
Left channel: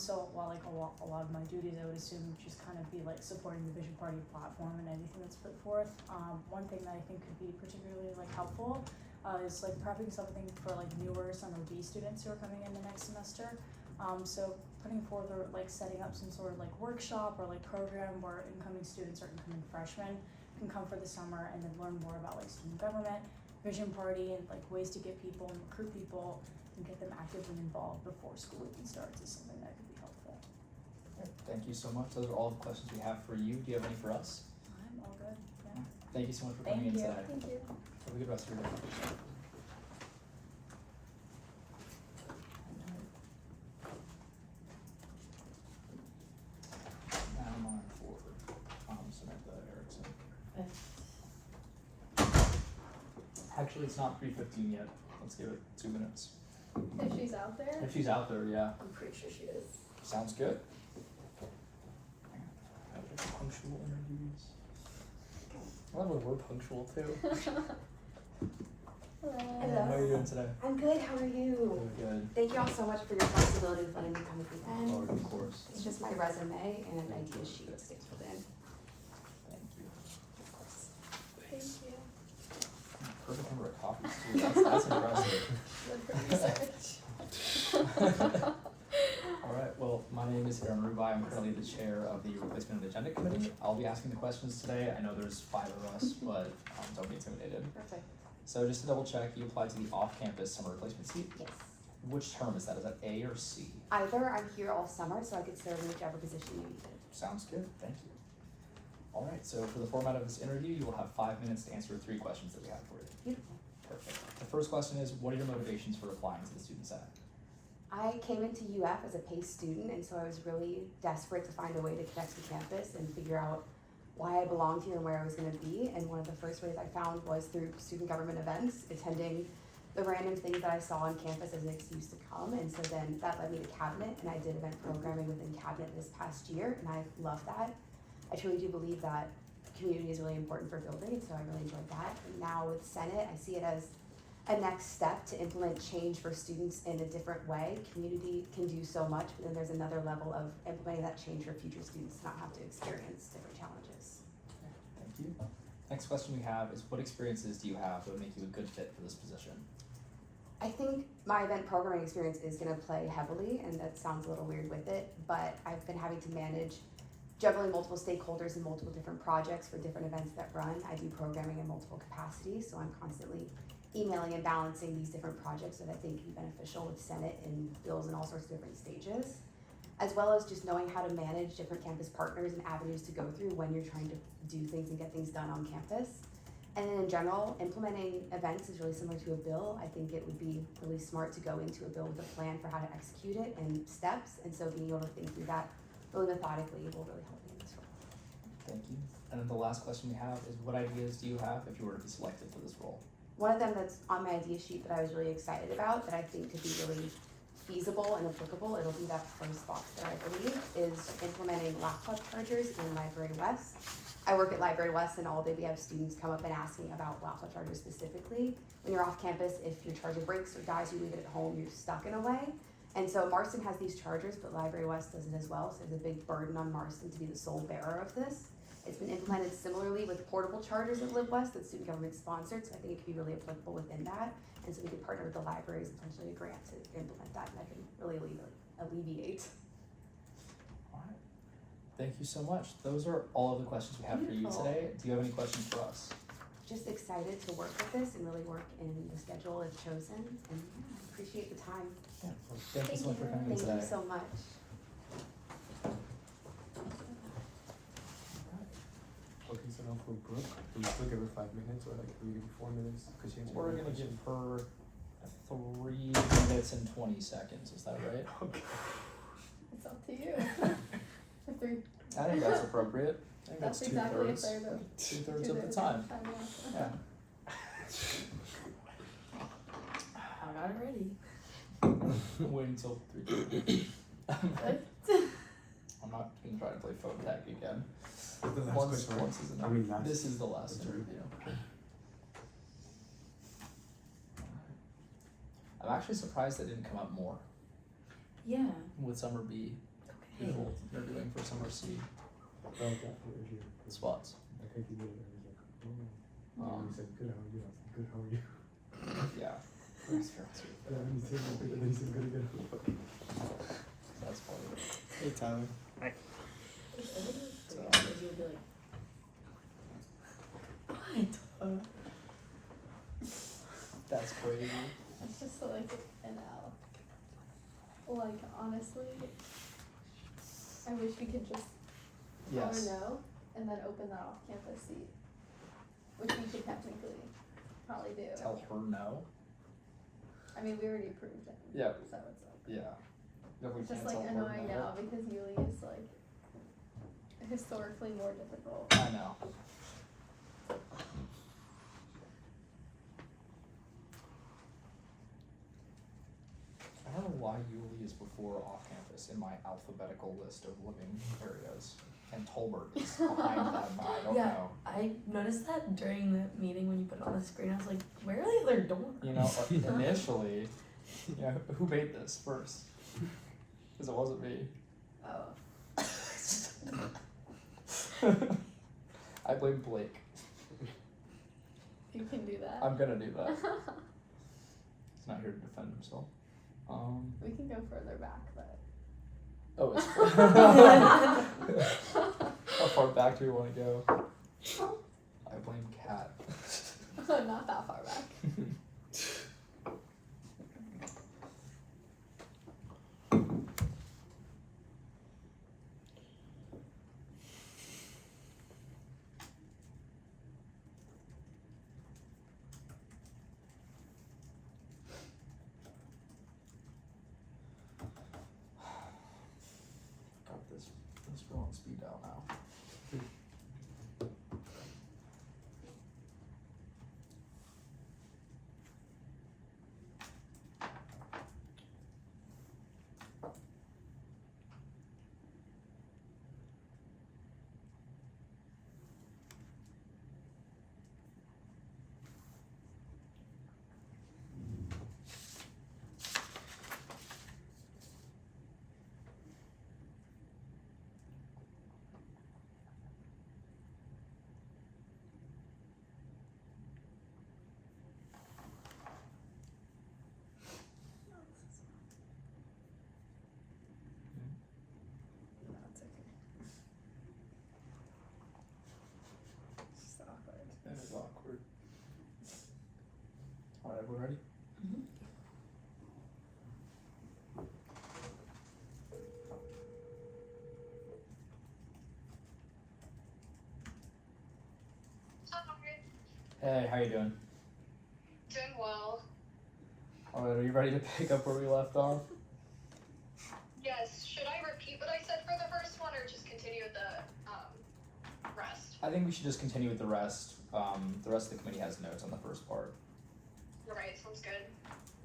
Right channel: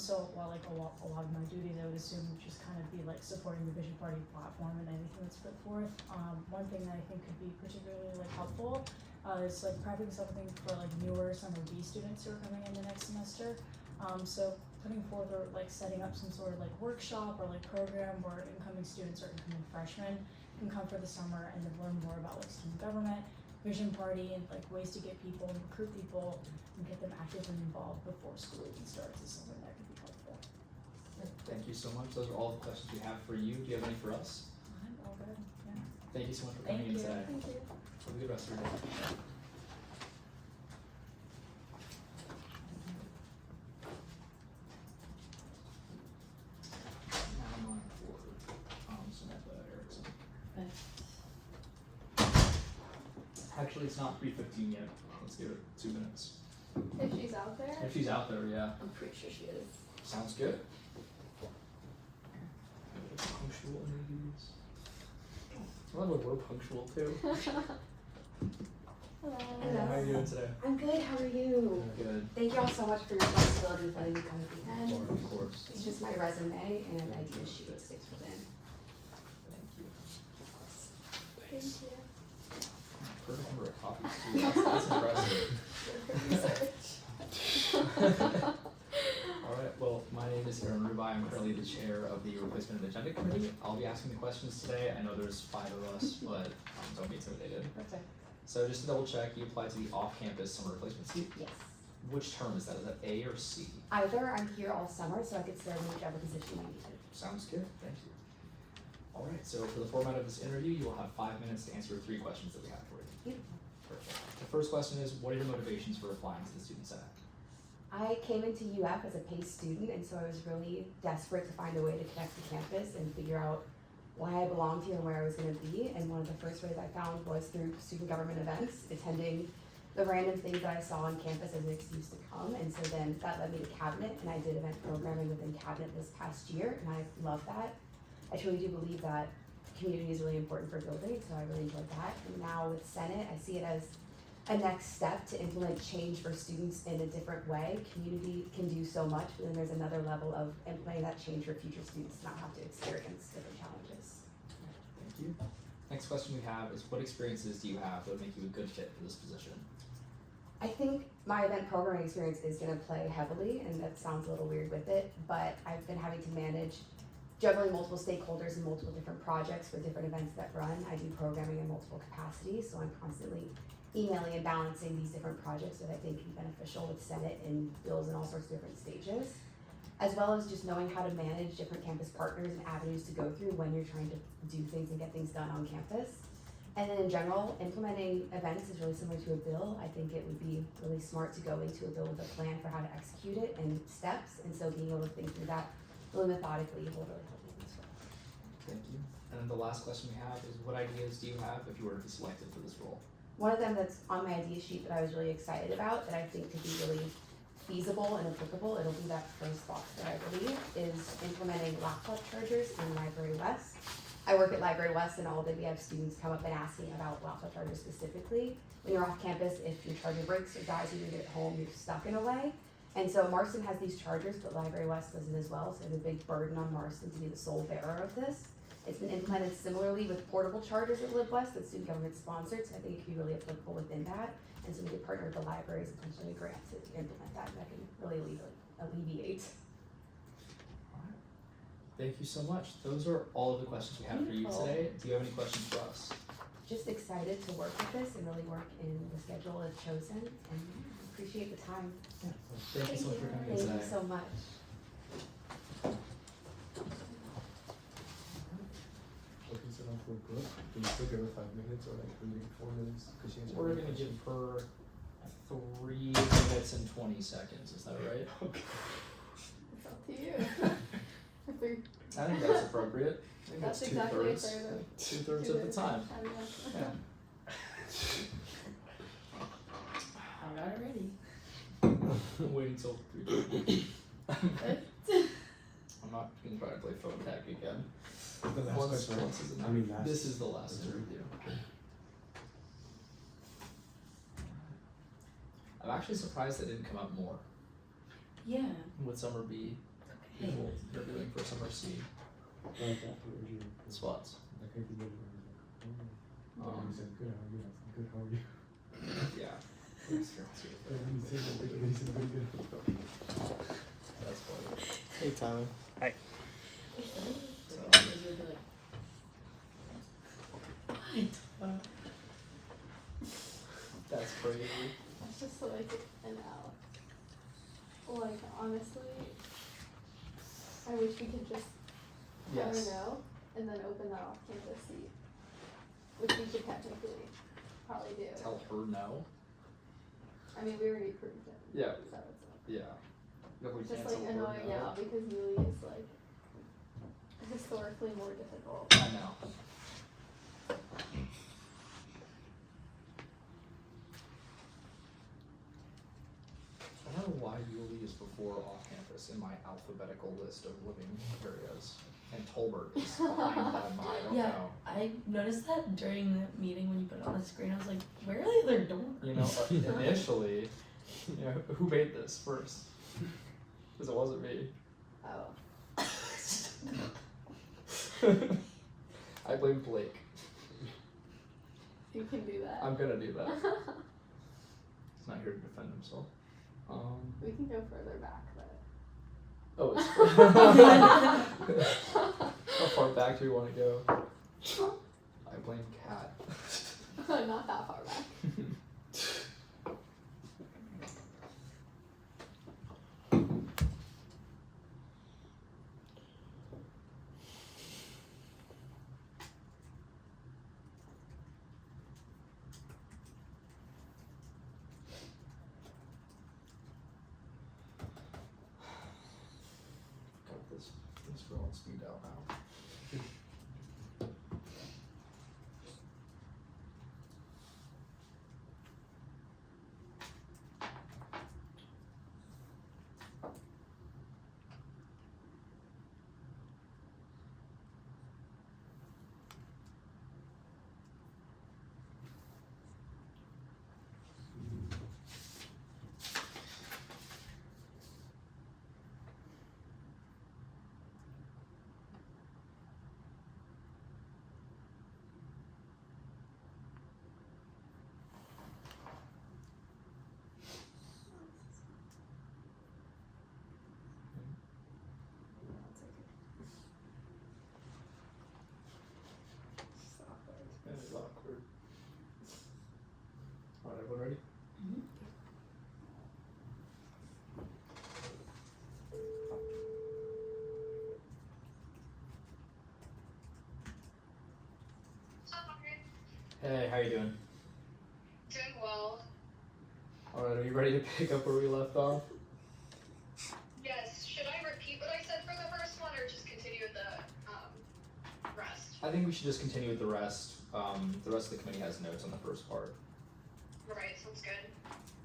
So while like a lot of my duties I would assume would just kind of be like supporting the Vision Party platform and anything that's put forth. One thing that I think could be particularly like helpful is like prepping something for like newer summer B students who are coming in the next semester. So putting forward or like setting up some sort of like workshop or like program where incoming students or incoming freshmen can come for the summer and then learn more about like student government, Vision Party, and like ways to get people and recruit people and get them actively involved before school even starts is something that could be helpful. Thank you so much. Those are all the questions we have for you. Do you have any for us? All good. Yeah. Thank you so much for coming in today. Thank you. Have a good rest of your day. Now I'm on for Samantha Erickson. Actually, it's not 3:15 yet. Let's give it 2 minutes. If she's out there. If she's out there, yeah. I'm pretty sure she is. Sounds good. Punctual interviews. I love when we're punctual too. Hello. How are you doing today? I'm good, how are you? Doing good. Thank you all so much for your flexibility with letting me come present. Oh, of course. It's just my resume and idea sheet that sticks within. Thank you. Thank you. Perfect number of copies too. That's impressive. Good for research. Alright, well, my name is Aaron Rubai. I'm currently the chair of the Replacement and Agenda Committee. I'll be asking the questions today. I know there's 5 of us, but don't be intimidated. Perfect. So just to double check, you applied to the off-campus summer replacement seat. Yes. Which term is that? Is that A or C? Either I'm here all summer, so I could serve in whichever position you needed. Sounds good, thank you. Alright, so for the format of this interview, you will have 5 minutes to answer 3 questions that we have for you. Beautiful. Perfect. The first question is, what are your motivations for applying to the Student Senate? I came into UF as a PACE student, and so I was really desperate to find a way to connect to campus and figure out why I belonged here and where I was going to be. And one of the first ways I found was through student government events, attending the random things that I saw on campus as an excuse to come. And so then that led me to cabinet, and I did event programming within cabinet this past year, and I love that. I truly do believe that community is really important for building, so I really enjoyed that. And now with Senate, I see it as a next step to implement change for students in a different way. Community can do so much, but then there's another level of implementing that change for future students to not have to experience different challenges. Thank you. Next question we have is, what experiences do you have that would make you a good fit for this position? I think my event programming experience is going to play heavily, and that sounds a little weird with it, but I've been having to manage juggling multiple stakeholders and multiple different projects for different events that run. I do programming in multiple capacities, so I'm constantly emailing and balancing these different projects that I think can be beneficial with Senate and bills in all sorts of different stages, as well as just knowing how to manage different campus partners and avenues to go through when you're trying to do things and get things done on campus. And then in general, implementing events is really similar to a bill. I think it would be really smart to go into a bill with a plan for how to execute it and steps, and so being able to think through that really methodically will really help me as well. Thank you. And then the last question we have is, what ideas do you have if you were to be selected for this role? One of them that's on my idea sheet that I was really excited about, that I think could be really feasible and applicable, it'll be that first box that I believe, is implementing laptop chargers in Library West. I work at Library West, and all day we have students come up and asking about laptop chargers specifically. When you're off campus, if your charger breaks or dies, you leave it at home, you're stuck in a way. And so Marston has these chargers, but Library West does it as well, so there's a big burden on Marston to be the sole bearer of this. It's been implemented similarly with portable chargers at LibWest that's student government sponsored, so I think it could be really applicable within that. And so we could partner with the libraries and potentially a grant to implement that, and that can really alleviate. All right. Thank you so much. Those are all of the questions we have for you today. Do you have any questions for us? Just excited to work with this and really work in the schedule I've chosen, and appreciate the time. Yeah. Well, thank you so much for coming in today. Thank you so much. Okay, so now for Brooke, do we still give her 5 minutes or like 3 to 4 minutes? Because she has We're a gonna give question. her 3 minutes and 20 seconds. Is that right? Okay. It's up to you. Three. I think that's appropriate. I think that's exactly a 2/3. third of 2/3 of the time. Yeah. Yeah. I got it ready. Wait until 3:30. I'm not gonna try to play phone tag again. The last Once question, right? is enough. I mean, last. This is the last interview. I'm actually surprised that didn't come up more Yeah. with Summer B. Okay. People interviewing for Summer C spots. I think you did it. You said, good, how are you? Good, how are you? Yeah. Yeah, you said good, and then you said good again. That's funny. Hey, Tyler. You'll be like, what? That's crazy. It's just like an out. Like, honestly, I wish we could just let her Yes. know and then open that off-campus seat, which we could technically probably do. Tell her no. I mean, we already approved it. Yeah. So it's like, Yeah. If we it's just can't like tell her annoying no. now because Yuli is like historically more difficult. I know. I don't know why Yulee is before off-campus in my alphabetical list of living areas, and Tolbert is behind that. I don't Yeah, know. I noticed that during the meeting when you put it on the screen. I was like, where are the other doors? You know, initially, you know, who made this first? Because it wasn't me. Oh. I blame Blake. You can do that. I'm gonna do that. He's not here to defend himself. We can go further back, but Oh, it's how far back do you want to go? I blame Cat. not that far back. Got this girl on speed dial now. everyone ready? Mhm. Hey, how you doing? Doing well. Alright, are you ready to pick up where we left off? Yes. Should I repeat what I said for the first one, or just continue with the rest? I think we should just continue with the rest. The rest of the committee has notes on the first part. Alright, sounds good.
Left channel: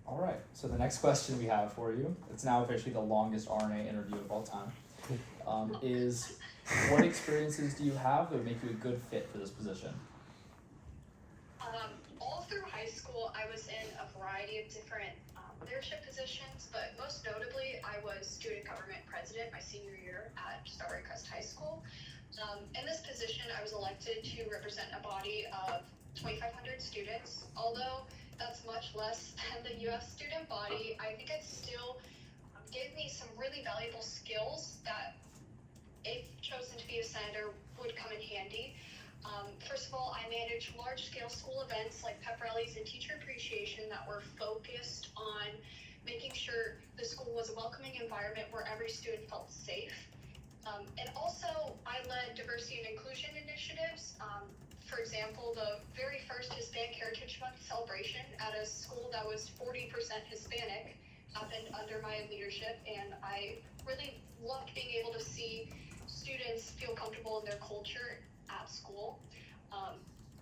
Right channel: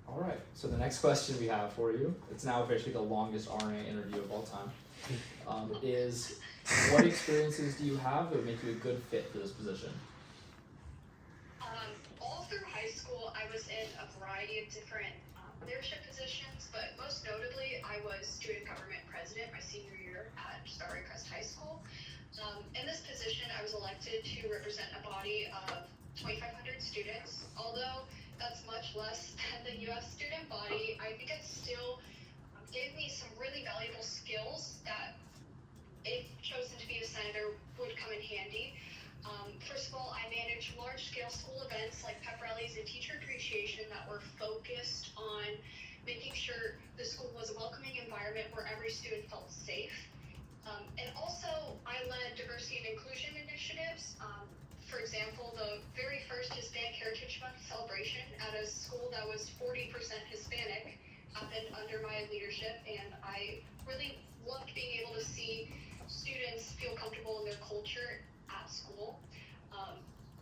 Alright, so the next question we have for you, it's now officially the longest RNA interview of all time, is what experiences do you have that would make you a good fit for this position? All through high school, I was in a variety of different leadership positions, but most notably, I was student government president my senior year at Starry Crest High School. In this position, I was elected to represent a body of 2,500 students. Although that's much less than the UF student body, I think it still gave me some really valuable skills that, if chosen to be a senator, would come in handy. First of all, I managed large-scale school events like pep rallies and teacher appreciation that were focused on making sure the school was a welcoming environment where every student felt safe. And also, I led diversity and inclusion initiatives. For example, the very first Hispanic Heritage Month celebration at a school that was 40% Hispanic happened under my leadership, and I really loved being able to see students feel comfortable in their culture at school.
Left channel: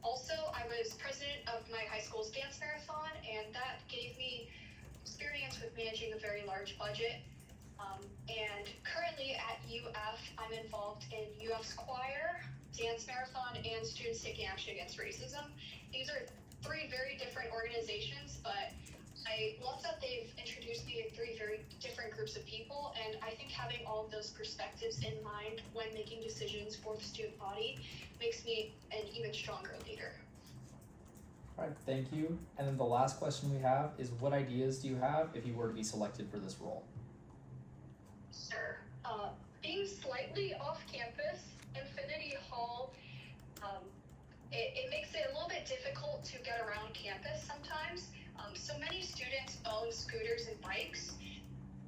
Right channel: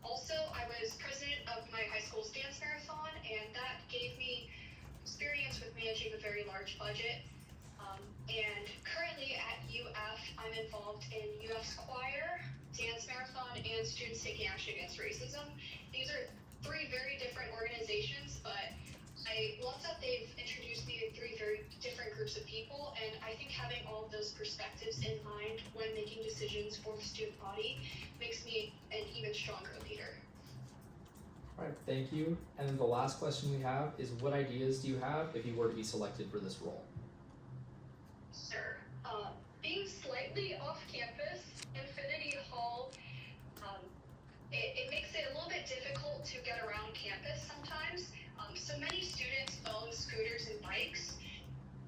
Also, I was president of my high school's dance marathon, and that gave me experience with managing a very large budget. And currently at UF, I'm involved in UF's choir, dance marathon, and Students Taking Action Against Racism. These are three very different organizations, but I love that they've introduced me to three very different groups of people, and I think having all of those perspectives in mind when making decisions for the student body makes me an even stronger leader. Alright, thank you. And then the last question we have is, what ideas do you have if you were to be selected for this role? Sure. Being slightly off campus, Infinity Hall, it makes it a little bit difficult to get around campus sometimes. So many students own scooters and bikes,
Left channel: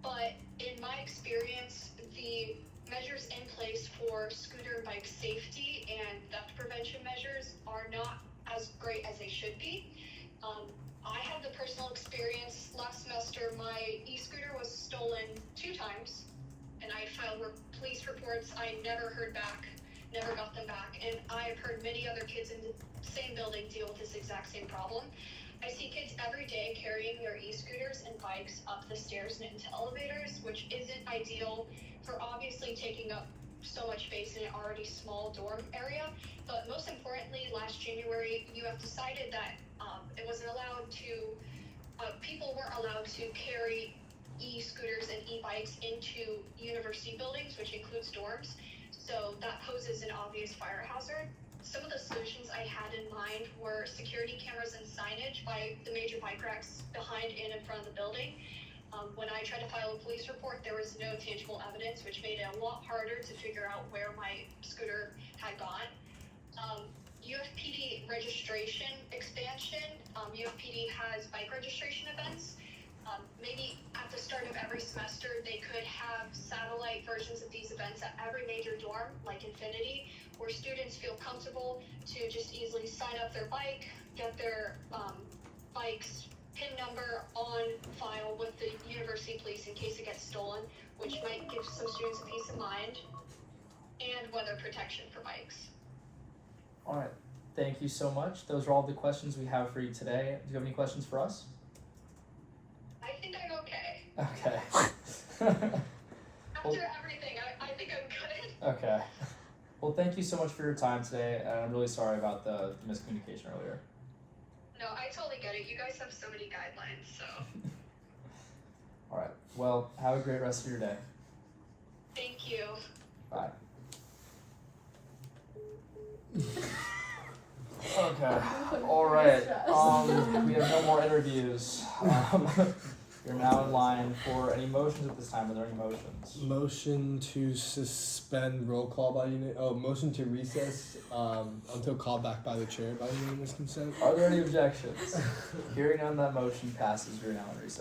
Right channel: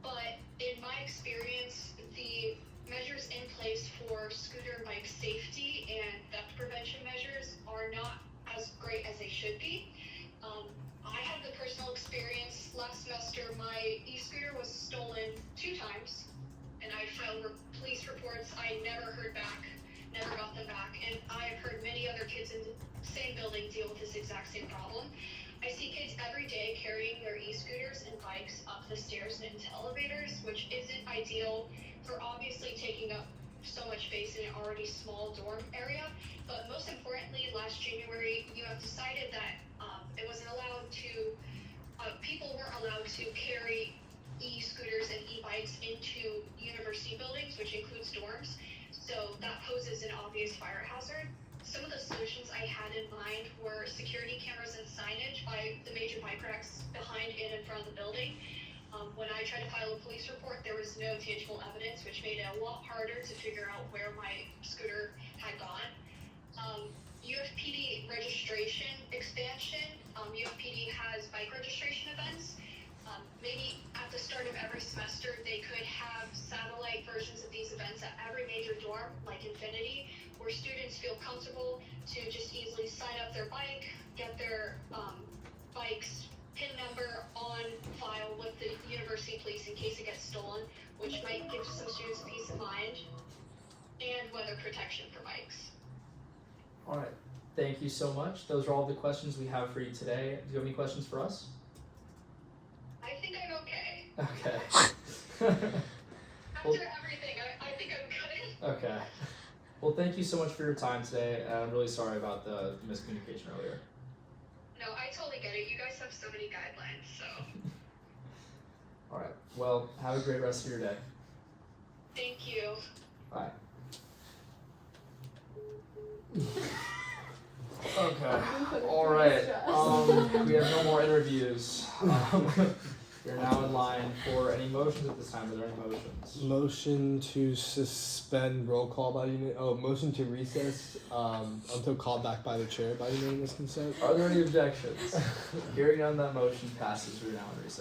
but in my experience, the measures in place for scooter and bike safety and theft prevention measures are not as great as they should be. I had the personal experience last semester. My e-scooter was stolen 2 times, and I filed police reports. I never heard back, never got them back, and I've heard many other kids in the same building deal with this exact same problem. I see kids every day carrying their e-scooters and bikes up the stairs and into elevators, which isn't ideal for obviously taking up so much space in an already small dorm area. But most importantly, last January, UF decided that it wasn't allowed to, people weren't allowed to carry e-scooters and e-bikes into university buildings, which includes dorms. So that poses an obvious fire hazard. Some of the solutions I had in mind were security cameras and signage by the major bike racks behind and in front of the building. When I tried to file a police report, there was no tangible evidence, which made it a lot harder to figure out where my scooter had gone. UFPD registration expansion. UFPD has bike registration events. Maybe at the start of every semester, they could have satellite versions of these events at every major dorm, like Infinity, where students feel comfortable to just easily sign up their bike, get their bike's PIN number on file with the university police in case it gets stolen, which might give some students a peace of mind, and weather protection for bikes. Alright, thank you so much. Those are all the questions we have for you today. Do you have any questions for us? I think I'm okay. Okay. After everything, I think I'm good. Okay. Well, thank you so much for your time today, and I'm really sorry about the miscommunication earlier. No, I totally get it. You guys have so many guidelines, so. Alright, well, have a great rest of your day. Thank you. Bye. Okay. Alright. We have no more interviews. You're now in line for any motions at this time. Are there any motions? Motion to suspend roll call by unit. Oh, motion to recess until called back by the chair by unanimous consent. Are there any objections? Hearing none, that motion passes. We're now in recess.